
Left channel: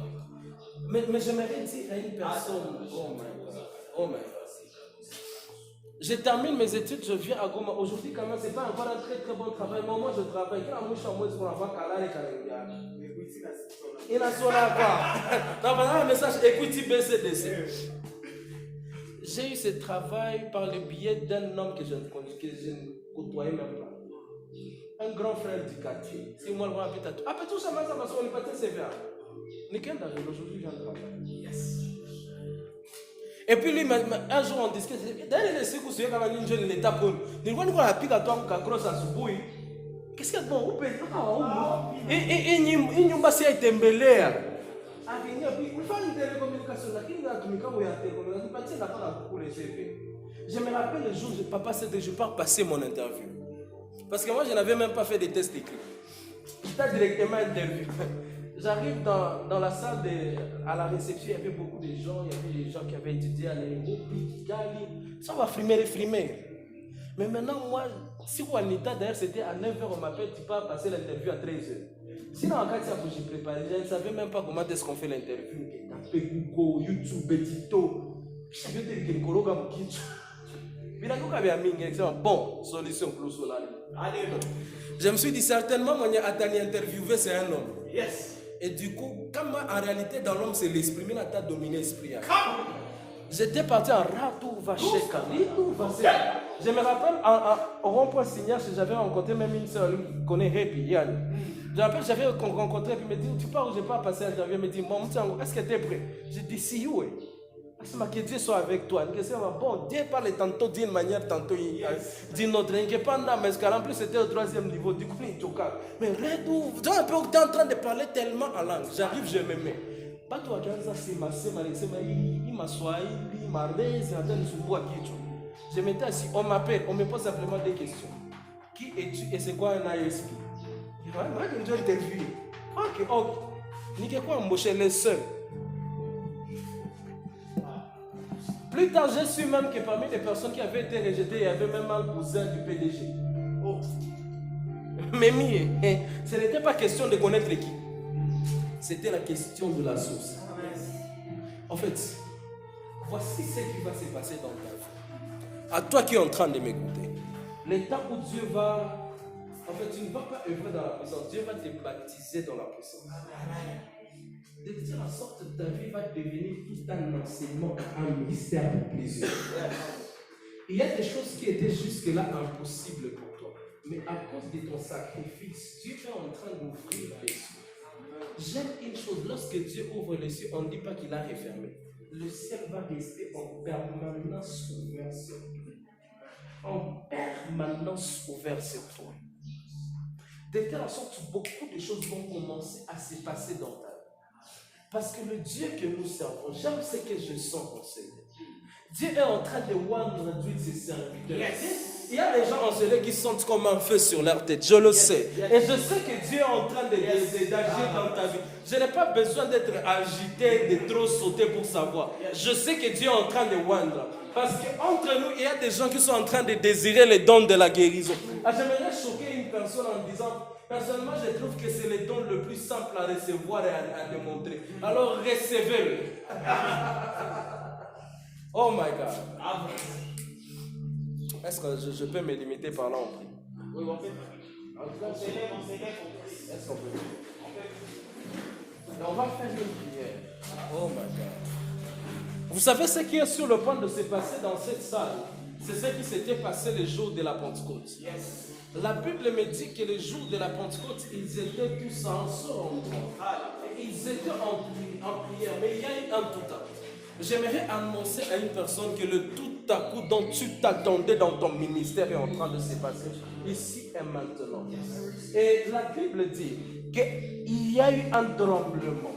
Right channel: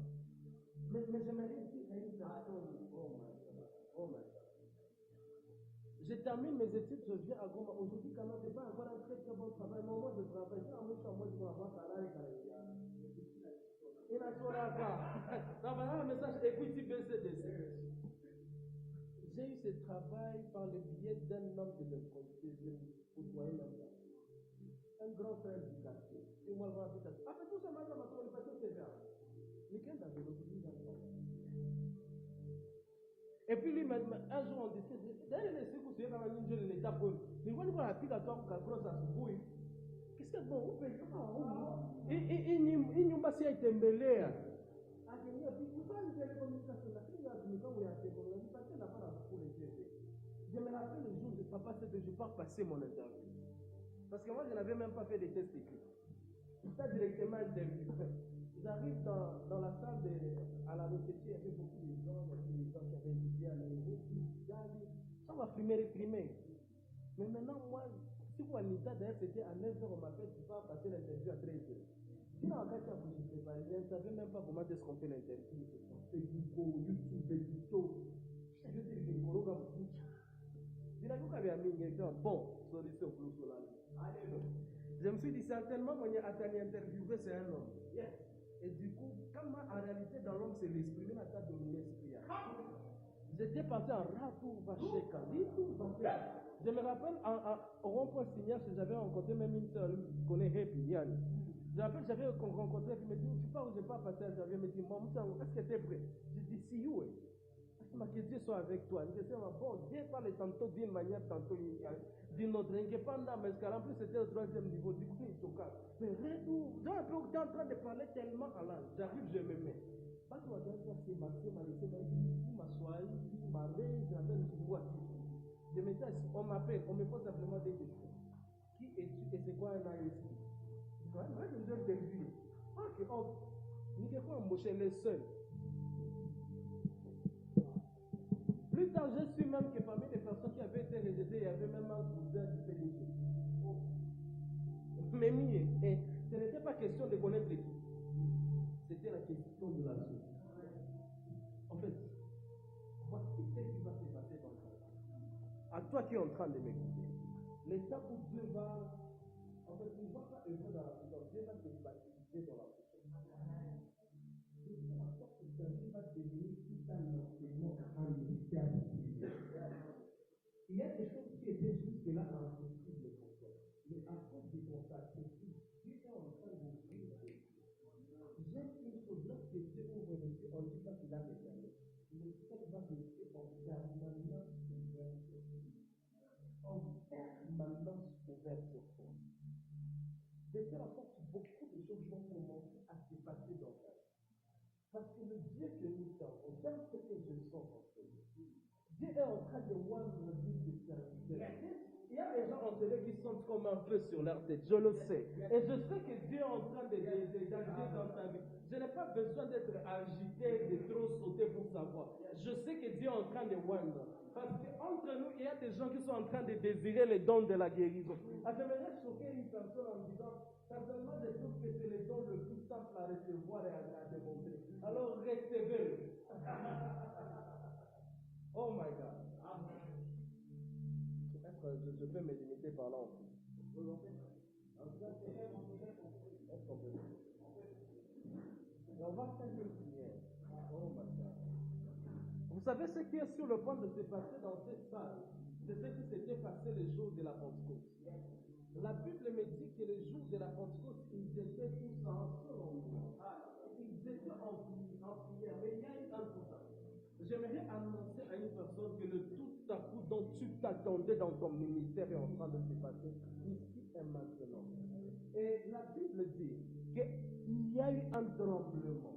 Mais j'aimerais dire à une personne, oh my God. Je termine mes études, je viens à Goma. Aujourd'hui, quand même, ce n'est pas encore un très très bon travail. Mais moi, je travaille. Il n'a pas. Non, un message Equity BCDC. J'ai eu ce travail par le biais d'un homme que je ne côtoyais même pas. Un grand frère du quartier. C'est moi le grand appétit. Ah, tout ça, on est pas très sévère. Aujourd'hui, j'ai un travail. Yes. Et puis lui, un jour on discute, d'ailleurs les secours sur une jeune l'état pour nous on a piqué à toi un gros assoubouille. Qu'est-ce qu'il y a de bon? Où peut et il n'y a pas si été embellé. Ah, il y a une télécommunication, il y a une télécommunication, n'a pas beaucoup les CV. Je me rappelle le jour où papa s'est dit, je pars passer mon interview. Parce que moi, je n'avais même pas fait des tests écrits. J'étais directement interviewé. J'arrive dans la salle à la réception, il y avait beaucoup de gens, il y avait des gens qui avaient étudié à l'Europe, ça va frimer. Mais maintenant, moi, si vous en état d'ailleurs, c'était à 9h, on m'appelle, tu peux passer l'interview à 13h. Sinon, en cas où j'ai préparé, je ne savais même pas comment est-ce qu'on fait l'interview. Tapez Google, YouTube, Betito. Je savais que le Koroga Moukichu. Bon, solution pour je me suis dit certainement, moi, Atani interviewé, c'est un homme. Yes. Et du coup, comme en réalité, dans l'homme, c'est l'esprit, mais il a dominé l'esprit. J'étais parti en Ratou Vacheka. Je me rappelle, au rond-point Signal, j'avais rencontré même une soeur qui connaît Happy, Yann. Je me rappelle, j'avais rencontré, puis il me dit, tu pars où je pars passer à Javier, il me dit, bon, est-ce que tu es prêt? J'ai dit, si, oui. Que Dieu soit avec toi. Bon, Dieu parle tantôt d'une manière, tantôt d'une autre. En plus, c'était au 3e niveau. Du coup, il est mais redou, tu es en train de parler tellement en langue. J'arrive, je me mets. Pas toi, je m'étais assis, on m'appelle, on me pose simplement des questions. Qui es-tu et c'est quoi un ISP? Moi, je vais interviewer. Ok. Ni quoi embaucher les seuls. Plus tard, j'ai su même que parmi les personnes qui avaient été rejetées, il y avait même un cousin du PDG. Oh. Mais ce n'était pas question de connaître l'équipe. C'était la question de la source. En fait, voici ce qui va se passer dans ta vie. À toi qui es en train de m'écouter, le temps où Dieu va... En fait, tu ne vas pas œuvrer dans la puissance. Dieu va te baptiser dans la puissance. De telle sorte que ta vie va devenir tout un enseignement, un mystère pour plusieurs. Il y a des choses qui étaient jusque-là impossibles pour toi. Mais à cause de ton sacrifice, Dieu est en train d'ouvrir les cieux. J'aime une chose, lorsque Dieu ouvre les cieux, on ne dit pas qu'il a refermé. Le ciel va rester en permanence ouvert sur toi. En permanence ouvert sur toi. De telle sorte que beaucoup de choses vont commencer à se passer dans ta vie. Parce que le Dieu que nous servons, j'aime ce que je sens en Seigneur. Dieu est en train de oindre ses serviteurs. Yes. Il y a des gens en Seigneur qui sentent comme un feu sur leur tête. Je le sais. Et je sais que Dieu est en train d'agir dans ta vie. Je n'ai pas besoin d'être agité, de trop sauter pour savoir. Je sais que Dieu est en train de oindre. Parce qu'entre nous, il y a des gens qui sont en train de désirer les dons de la guérison. J'aimerais choquer une personne en disant... Personnellement, je trouve que c'est le don le plus simple à recevoir et à démontrer. Alors, recevez-le. Oh my God. Est-ce que je peux me limiter par là en prix? Oui, on peut. Est-ce qu'on peut? On va faire une prière. Oh my God. Vous savez ce qui est sur le point de se passer dans cette salle? C'est ce qui s'était passé le jour de la Pentecôte. Yes. La Bible me dit que le jour de la Pentecôte, ils étaient tous en endroit. Ils étaient en prière, mais il y a eu un tout à coup. J'aimerais annoncer à une personne que le tout à coup dont tu t'attendais dans ton ministère est en train de se passer ici et maintenant. Et la Bible dit qu'il y a eu un tremblement.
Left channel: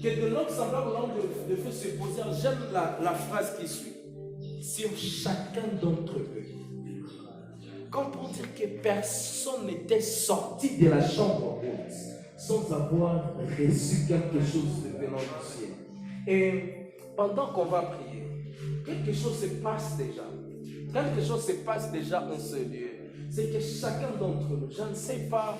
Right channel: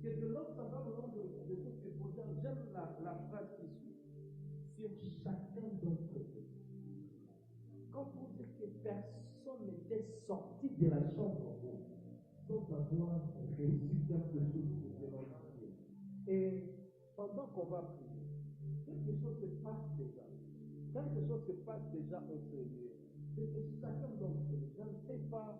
Que de l'homme semblable l'homme de feu se poser. J'aime la phrase qui suit. Sur chacun d'entre eux. Comme pour dire que personne n'était sorti de la chambre haute sans avoir reçu quelque chose de venant du ciel. Et pendant qu'on va prier, quelque chose se passe déjà. Quelque chose se passe déjà en ce lieu. C'est que chacun d'entre nous, je ne sais pas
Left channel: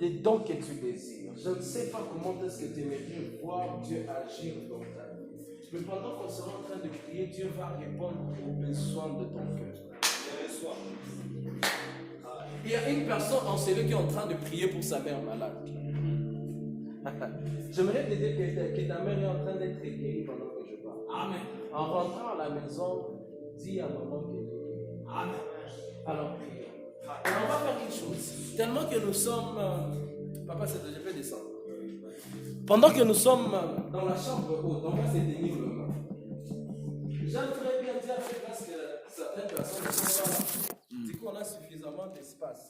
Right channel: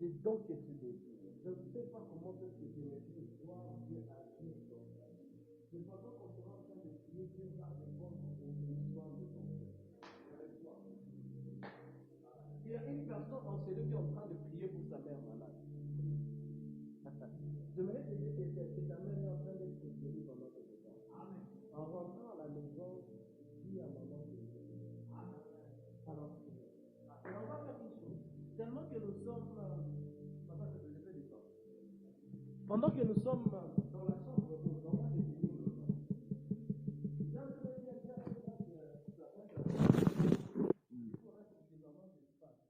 des dons que tu désires. Je ne sais pas comment est-ce que tu aimerais voir Dieu agir dans ta vie. Mais pendant qu'on sera en train de prier, Dieu va répondre aux besoins de ton cœur. Il y a une personne en celui qui est en train de prier pour sa mère malade. J'aimerais te dire que ta mère est en train d'être guérie pendant que je parle. Amen. En rentrant à la maison, dis à maman qu'elle est guérie. Amen. Alors prions. Et on va faire une chose. Tellement que nous sommes... Papa, je peux descendre. Pendant que nous sommes dans la chambre haute, on va se tenir le main. J'aimerais bien dire parce que certaines personnes sont là. Du coup, on a suffisamment d'espace.